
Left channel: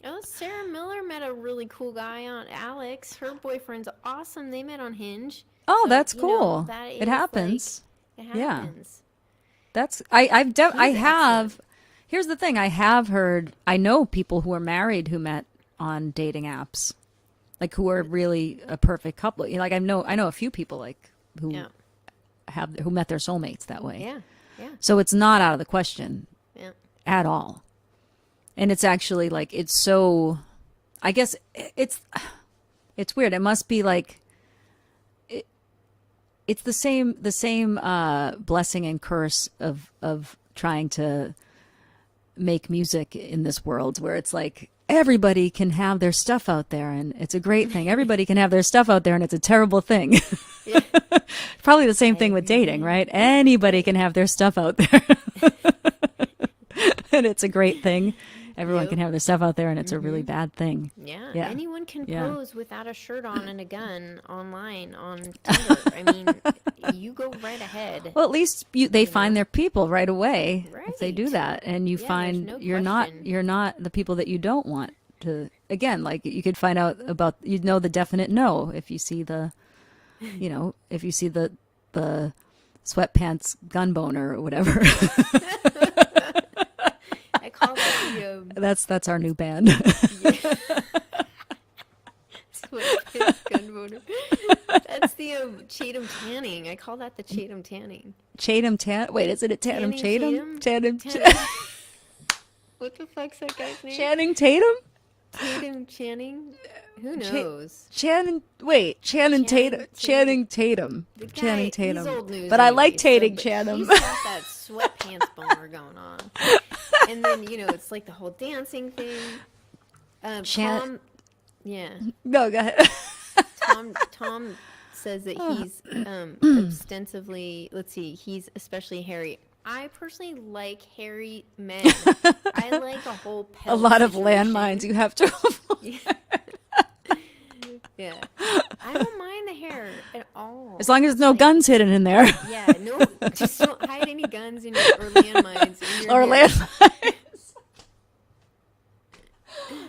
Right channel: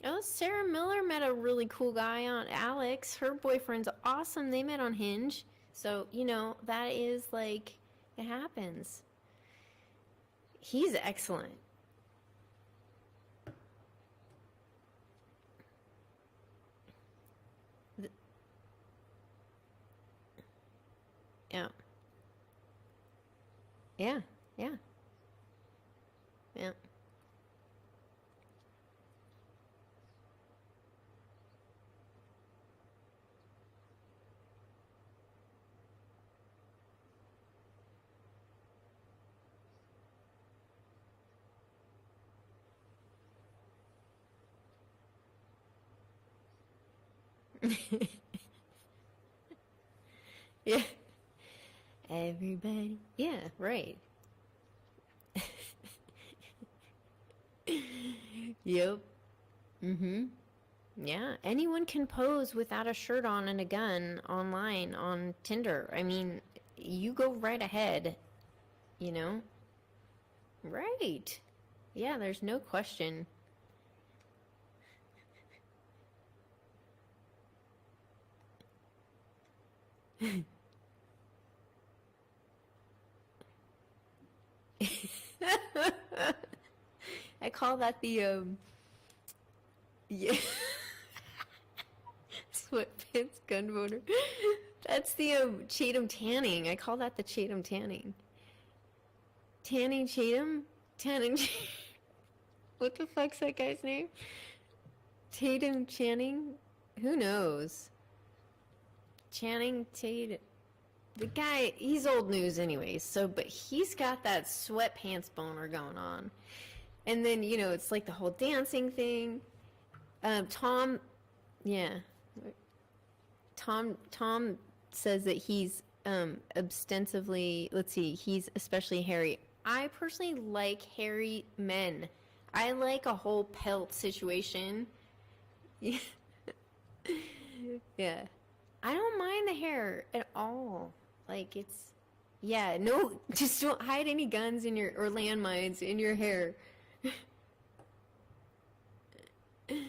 Oh, Sarah Miller met a really cool guy on Alex. Her boyfriend's awesome. They met on Hinge. Oh, So, that's you know, cool. that It is, happens. Like, it Yeah. happens. That's I He's have. excellent. Here's the thing. I have heard. I know people who are married who met on dating apps, like who are really a perfect couple. Like I know a few people like who Yeah. who met their soulmates that way. Yeah. Yeah. So it's not out of the question Yeah. at all. And it's actually like it's so. I guess it's weird. It must be like. It's the same blessing and curse of trying to make music in this world where it's like everybody can have their stuff out there and it's a great thing. Everybody can have their stuff out there and it's a terrible thing. Yeah. Probably the same thing with dating, right? Anybody right. can have their stuff out there. And it's a great thing. Everyone Yep. can have their stuff out there and it's a really bad thing. Yeah. Yeah. Anyone can Yeah. pose without a shirt on and a gun online on Tinder. I mean, you go right ahead. Well, at least they find know? their people right away if they do Right. that, and you Yeah, there's find no you're question. not the people that you don't want to again, like you could find out about, you'd know the definite no if you see the, if you see the sweatpants gun boner or whatever. I call that the That's our new band. yeah. Sweatpants gun boner. That's the Chatham tanning. I call that the Chatham tanning. Chatham tan. Wait, is it a Tatum Channing Tatum? Tatum. What the fuck's that guy's name? Channing Tatum? Tatum Channing? Who knows? Channing Channing Tatum. Channing Tatum. The guy, Channing Tatum. he's old news. But I like anyway, Tatum but Channing. He's got that sweatpants boner going on. And then, it's like the whole dancing thing. Tom, yeah. No, go ahead. Tom says that he's ostensibly, let's see, he's especially hairy. I personally like hairy men. I like a whole pelt A lot of situation. landmines you have to Yeah. Yeah. I don't mind the hair at all. As long as there's no guns hidden in there. Yeah, no, just don't hide any guns in your, or landmines in your Or hair. landmines.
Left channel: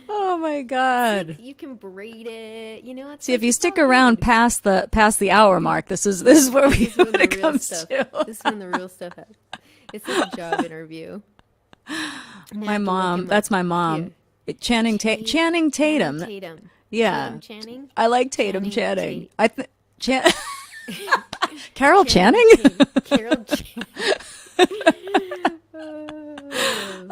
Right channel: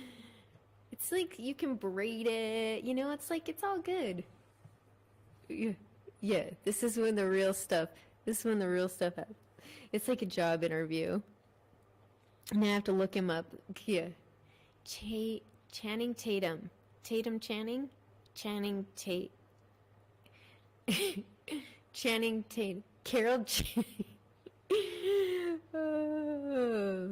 Oh my god. Like, you can braid it, it's See, like, if you it's stick all around good. past the hour mark, this is where This is when the it real comes stuff. to. This is when the real stuff happens. It's like a job interview. My mom. That's my mom. Channing Tatum. Channing Tatum. Yeah. Tatum Channing. I like Tatum Channing Channing. Carol Channing? Carol Channing.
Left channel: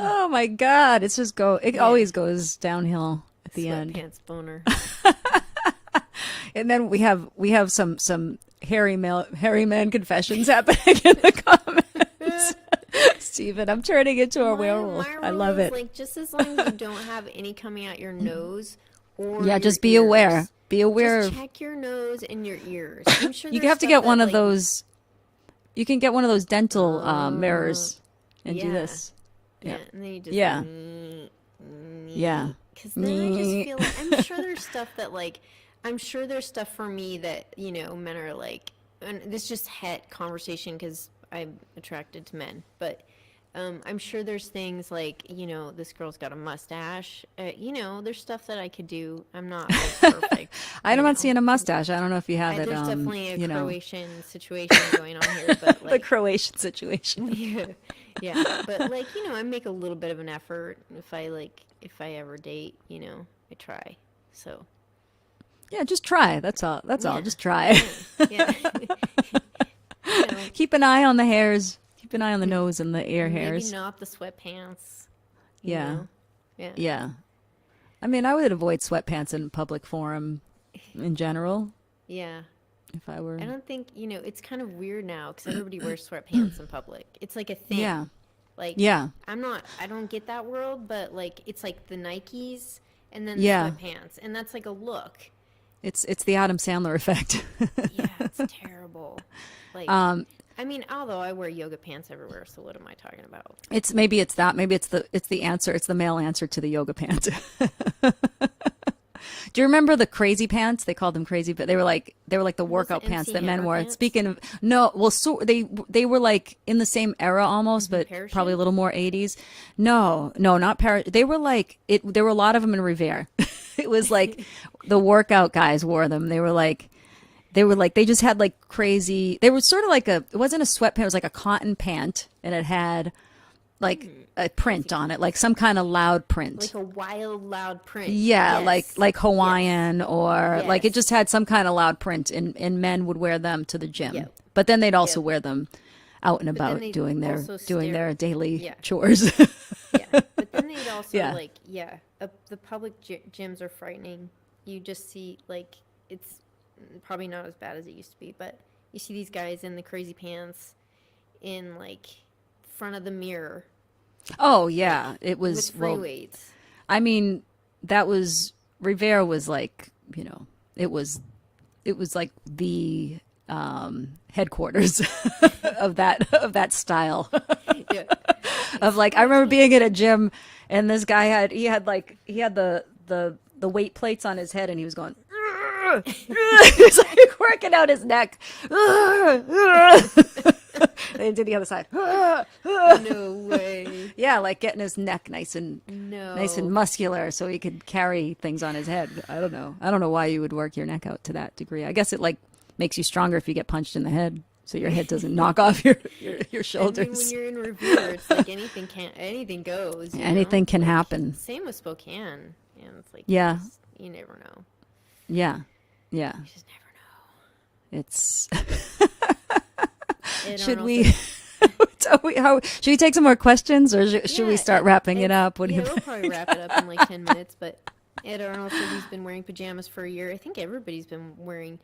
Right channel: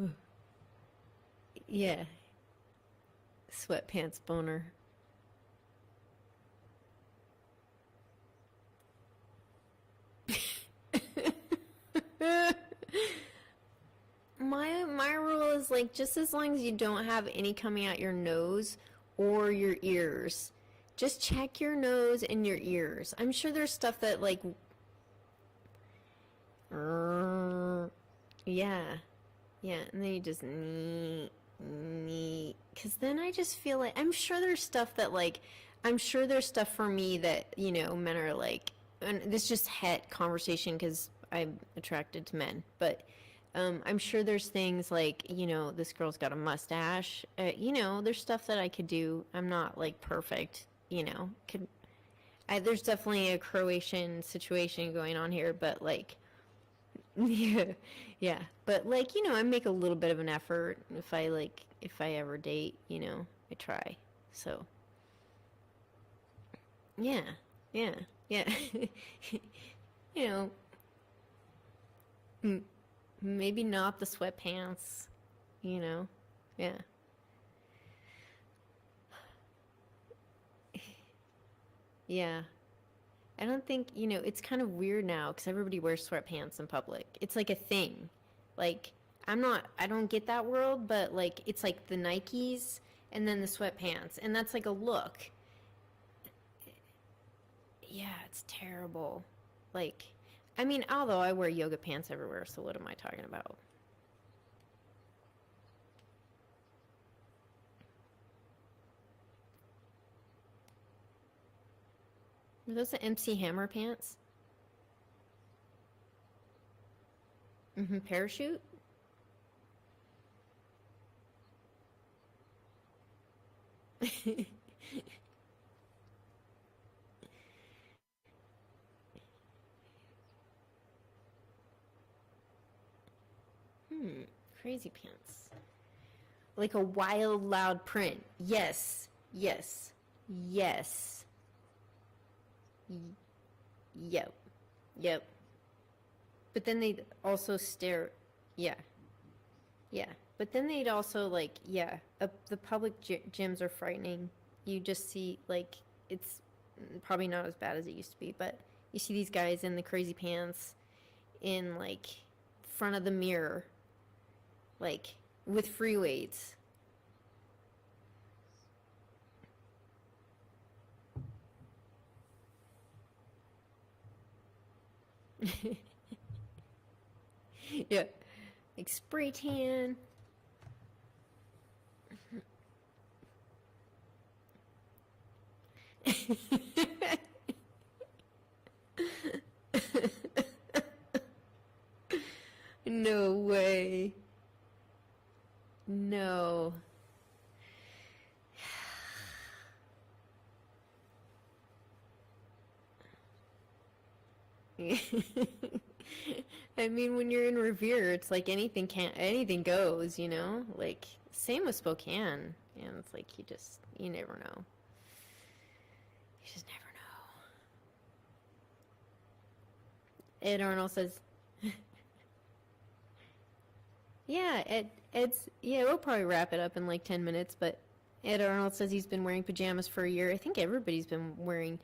Oh my god, it's just it always goes downhill at the end. Sweatpants boner. And then we have some hairy man confessions happening in the comments. Steven, I'm turning into a werewolf. My rule I love is it. like, just as long as you don't have any coming out your nose or Yeah, your just be ears, aware. Be aware. Just check your nose and your ears. I'm sure You there's have to stuff get that, one of like, those. You can get one of those dental mirrors and do yeah. this. Yeah, and then you just Yeah. Yeah. Because then I just feel like I'm sure there's stuff that I'm sure there's stuff for me that men are like, and this just het conversation because I'm attracted to men, but I'm sure there's things like this girl's got a mustache. There's stuff that I could do. I'm not perfect. I'm not seeing a mustache. I don't know if you have it. There's definitely a Croatian situation going on here, but a Croatian situation. yeah. But I make a little bit of an effort if I ever date. I try. So. Yeah, just try. That's all. That's all. Just try. Yeah. Keep an eye on the hairs. Keep an eye on the nose and the ear hairs. Maybe not the sweatpants. Yeah. Yeah. Yeah. I mean, I would avoid sweatpants in public forum in general. Yeah. If I were. I don't think, it's kind of weird now because everybody wears sweatpants in public. It's like a thing. Yeah. Yeah. I don't get that world, but it's like the Nikes and then the sweatpants. And that's like a look. It's the Adam Sandler effect. Yeah, it's terrible. Although I wear yoga pants everywhere, so what am I talking about? Maybe it's the answer. It's the male answer to the yoga pant. Do you remember the crazy pants? They called them crazy, but they were like the workout pants that men wore. Pants? Speaking of they were like in the same era almost, but Parachute? probably a little more 80s. No, not parachute. They were like it. There were a lot of them in Revere. It was like the workout guys wore them. They just had like crazy. They were sort of like it wasn't a sweatpant. It was like a cotton pant, and it had like a print on it, like some kind of loud print, like a wild loud print. Yeah, yes. like Hawaiian or like it Yes. just had some kind of loud print, and men would wear them to the gym. Yep. But then they'd also Yep. wear them out and then about they'd doing their also their daily Yeah. chores. Yeah, but then they'd also Yeah. the public gyms are frightening. You just see it's probably not as bad as it used to be, but you see these guys in the crazy pants in front of the mirror. Oh yeah, it was with free weights. I mean, that was Rivera was like, it was like the headquarters of that style. Yeah. Of I remember being at a gym and this guy had the weight plates on his head and he was going he was like working out his neck. They did the other side. No way. Yeah, like getting his neck nice and No. muscular so he could carry things on his head. I don't know. I don't know why you would work your neck out to that degree. I guess it like makes you stronger if you get punched in the head, so your head doesn't knock off your shoulders. I mean, when you're in Revere, it's like anything goes. Anything can Like, happen. Same with Spokane, and it's like Yeah. you never know. Yeah, yeah. You just never know. It's. Ed Should Arnold we? says- Should we take some more questions, or should we Yeah, start wrapping it up? What do you we'll probably wrap it up in like 10 minutes. But Ed Arnold says he's been wearing pajamas for a year. I think everybody's been wearing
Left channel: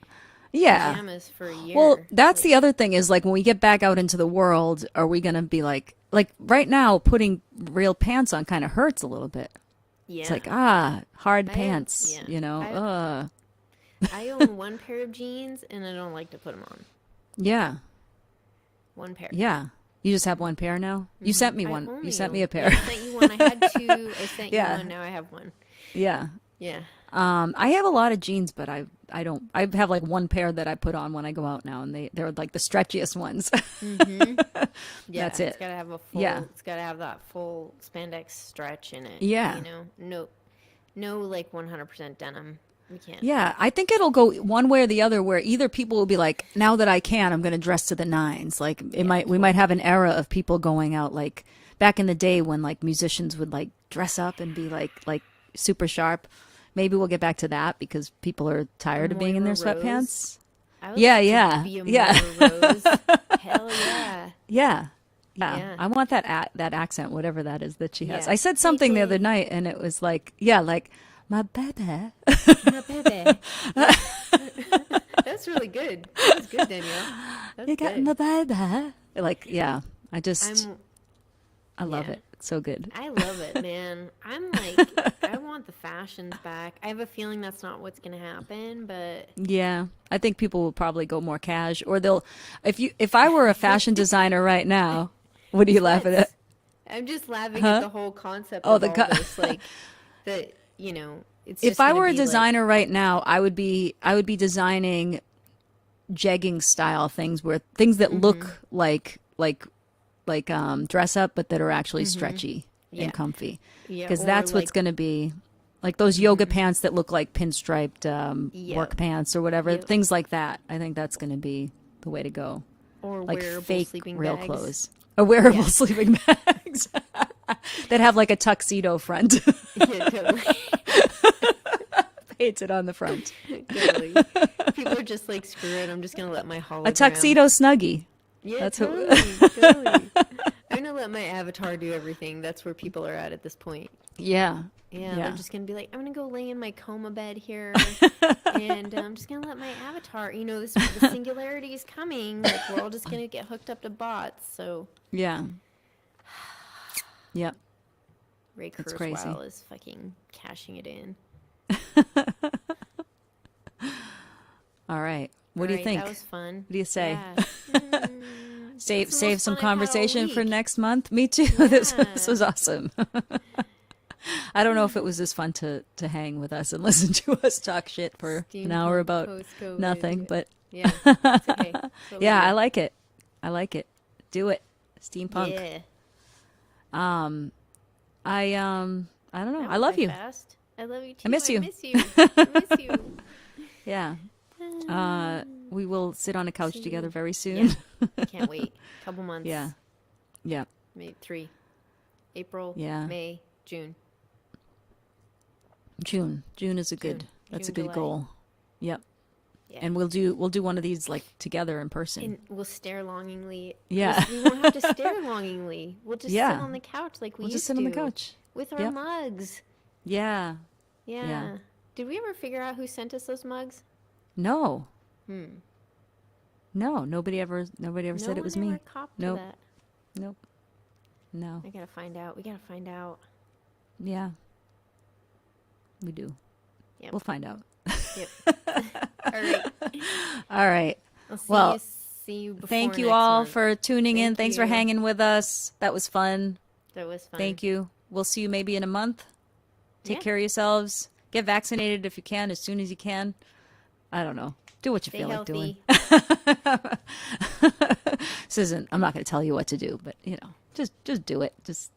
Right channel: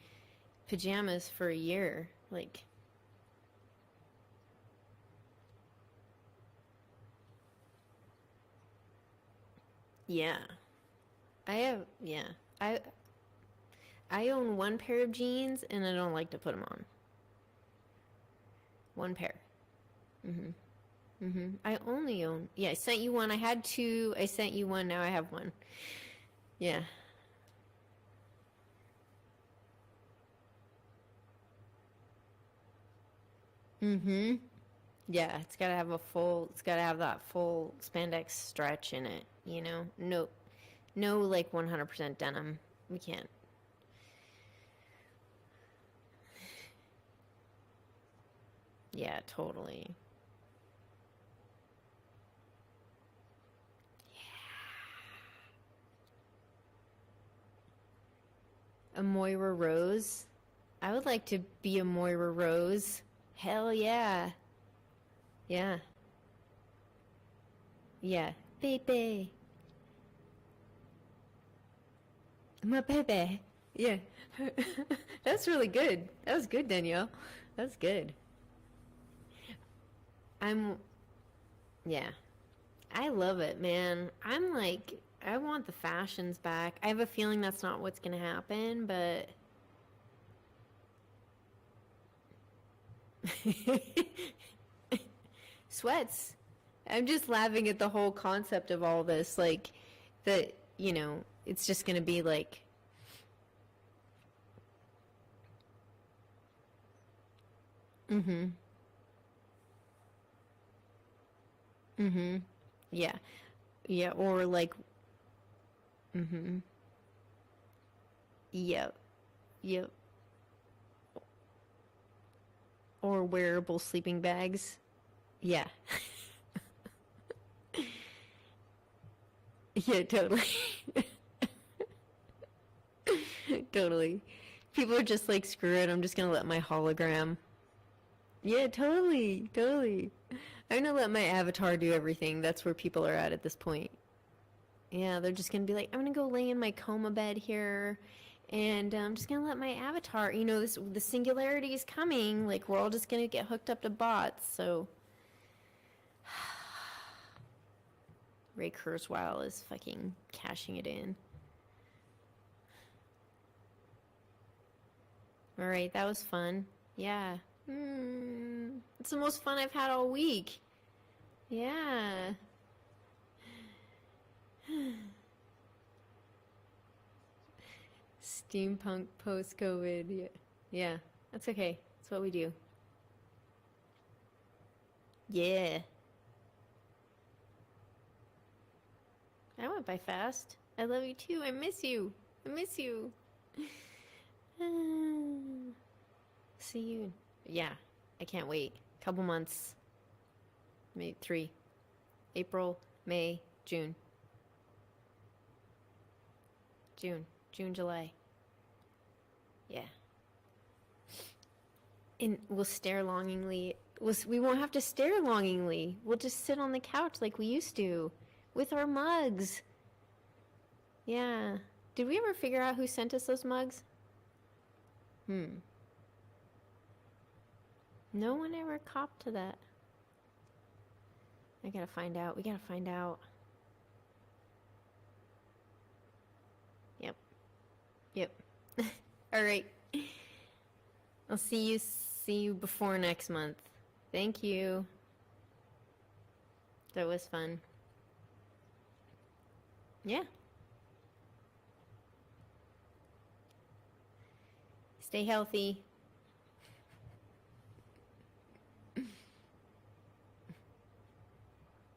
Yeah. pajamas for a year. Well, that's Like, the other thing is like when we get back out into the world, are we gonna be like right now putting real pants on kind of hurts a little bit. yeah. It's like hard I pants, yeah. you know. I own one pair of jeans, and I don't like to put them on. Yeah, One pair. yeah. You just have one pair now. You sent me I one. You only sent me own- a pair. Yeah, I sent you one. I had two. I sent Yeah. you one. Now I have one. Yeah. Yeah. I have a lot of jeans, but I don't. I have like one pair that I put on when I go out now, and they're like the stretchiest ones. Yeah, That's it's it. got to have a full. Yeah. It's got to have that full spandex stretch in it. Yeah. You know, no, like 100% denim. We can't. Yeah, I think it'll go one way or the other. Where either people will be like, now that I can, I'm going to dress to the nines. Like we might have an era of people going out like back in the day when like musicians would like dress up and be like super sharp. Maybe we'll get back to that because people are tired of being in their Moira Rose. sweatpants. I would Yeah, like yeah, to be a yeah. Moira Rose. Hell yeah. Yeah. Yeah. I want that that accent, whatever that is that she has. Yeah. I said something the other Baby. night, and it was like, like my baby. My baby. Yeah. That's really good. That was good, Danielle. That's You got good. my baby. Like, yeah. I love yeah. it. It's so good. I love it, man. I'm like, I want the fashions back. I have a feeling that's not what's going to happen, but Yeah, I think people will probably go more cash, or they'll. If I were a fashion designer right now, what are you laughing at? sweats. I'm just laughing Huh? at the whole concept Oh, of all this. Like, that, it's If just I gonna were a be like- designer right now, I would be designing jegging style things that Mm-hmm. look like dress up, but that are actually stretchy Yeah. and comfy. yeah, Because or that's what's like- going to be like those yoga pants that look like pinstriped Yep. work pants or whatever, Yep. things like that. I think that's going to be the way to go. or Like wearable fake sleeping real bags. clothes. Or wearable Yeah. sleeping bags that have like a tuxedo front Yeah, totally. painted on the front. Totally. People are just like, screw it. I'm just gonna let my hologram. A tuxedo snuggie. Yeah, That's what- totally. I'm gonna let my avatar do everything. That's where people are at this point. Yeah. Yeah, Yeah. they're just gonna be like, I'm gonna go lay in my coma bed here, and I'm just gonna let my avatar. The singularity is coming. Like we're all just gonna get hooked up to bots. So Yeah. Yep. Ray That's crazy. Kurzweil is fucking cashing it in. All right. What do you Alright, think? That was fun. What do you say? Yeah. Save It's the most some fun I've had all conversation for week. next month. Me too. This Yeah. was awesome. I don't know if it was as fun to hang with us and listen to us talk shit for an hour Steampunk about post-COVID, nothing, yeah. but Yeah, it's okay. That's what we yeah, do. I like it. I like it. Do it. Steampunk. Yeah. I don't know. That I went love by you. Fast. I love you too. miss you. I miss you. I miss you. Yeah. We will sit on a couch See together you. very soon. Yeah. I can't wait. Couple months. Yeah. Yeah. Maybe 3. April. Yeah. May. June. June is a good. June. That's June, a good July. goal. Yep. Yeah. And we'll do one of these like together in person. And we'll stare longingly. Yeah. We won't have to stare longingly. We'll just Yeah. sit on the couch like we We'll used just sit to. on the couch. With our Yep. mugs. Yeah. Yeah. Yeah. Did we ever figure out who sent us those mugs? No. No No. Nobody ever said it was one me. ever copped Nope. to that. Nope. No. I gotta find out. We gotta find out. Yeah. We do. Yep. We'll find out. Yep. All right. All right. I'll Well, see you before Thank you next all month. for tuning in. Thank Thanks for you. hanging with us. That was fun. That was fun. Thank you. We'll see you maybe in a month. Take Yeah. care of yourselves. Get vaccinated if you can, as soon as you can. I don't know. Do what you Stay feel healthy. like doing. isn't, I'm not going to tell you what to do, but you know, just do it. Just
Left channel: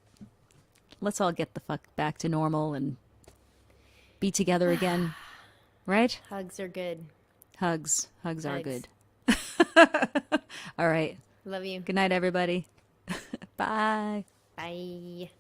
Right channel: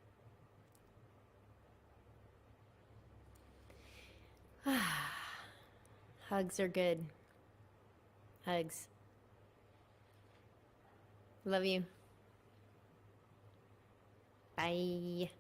let's all get the fuck back to normal and be together again. Right? Hugs are good. Hugs are Hugs. good. All right. Love you. Good night, everybody. Bye. Bye.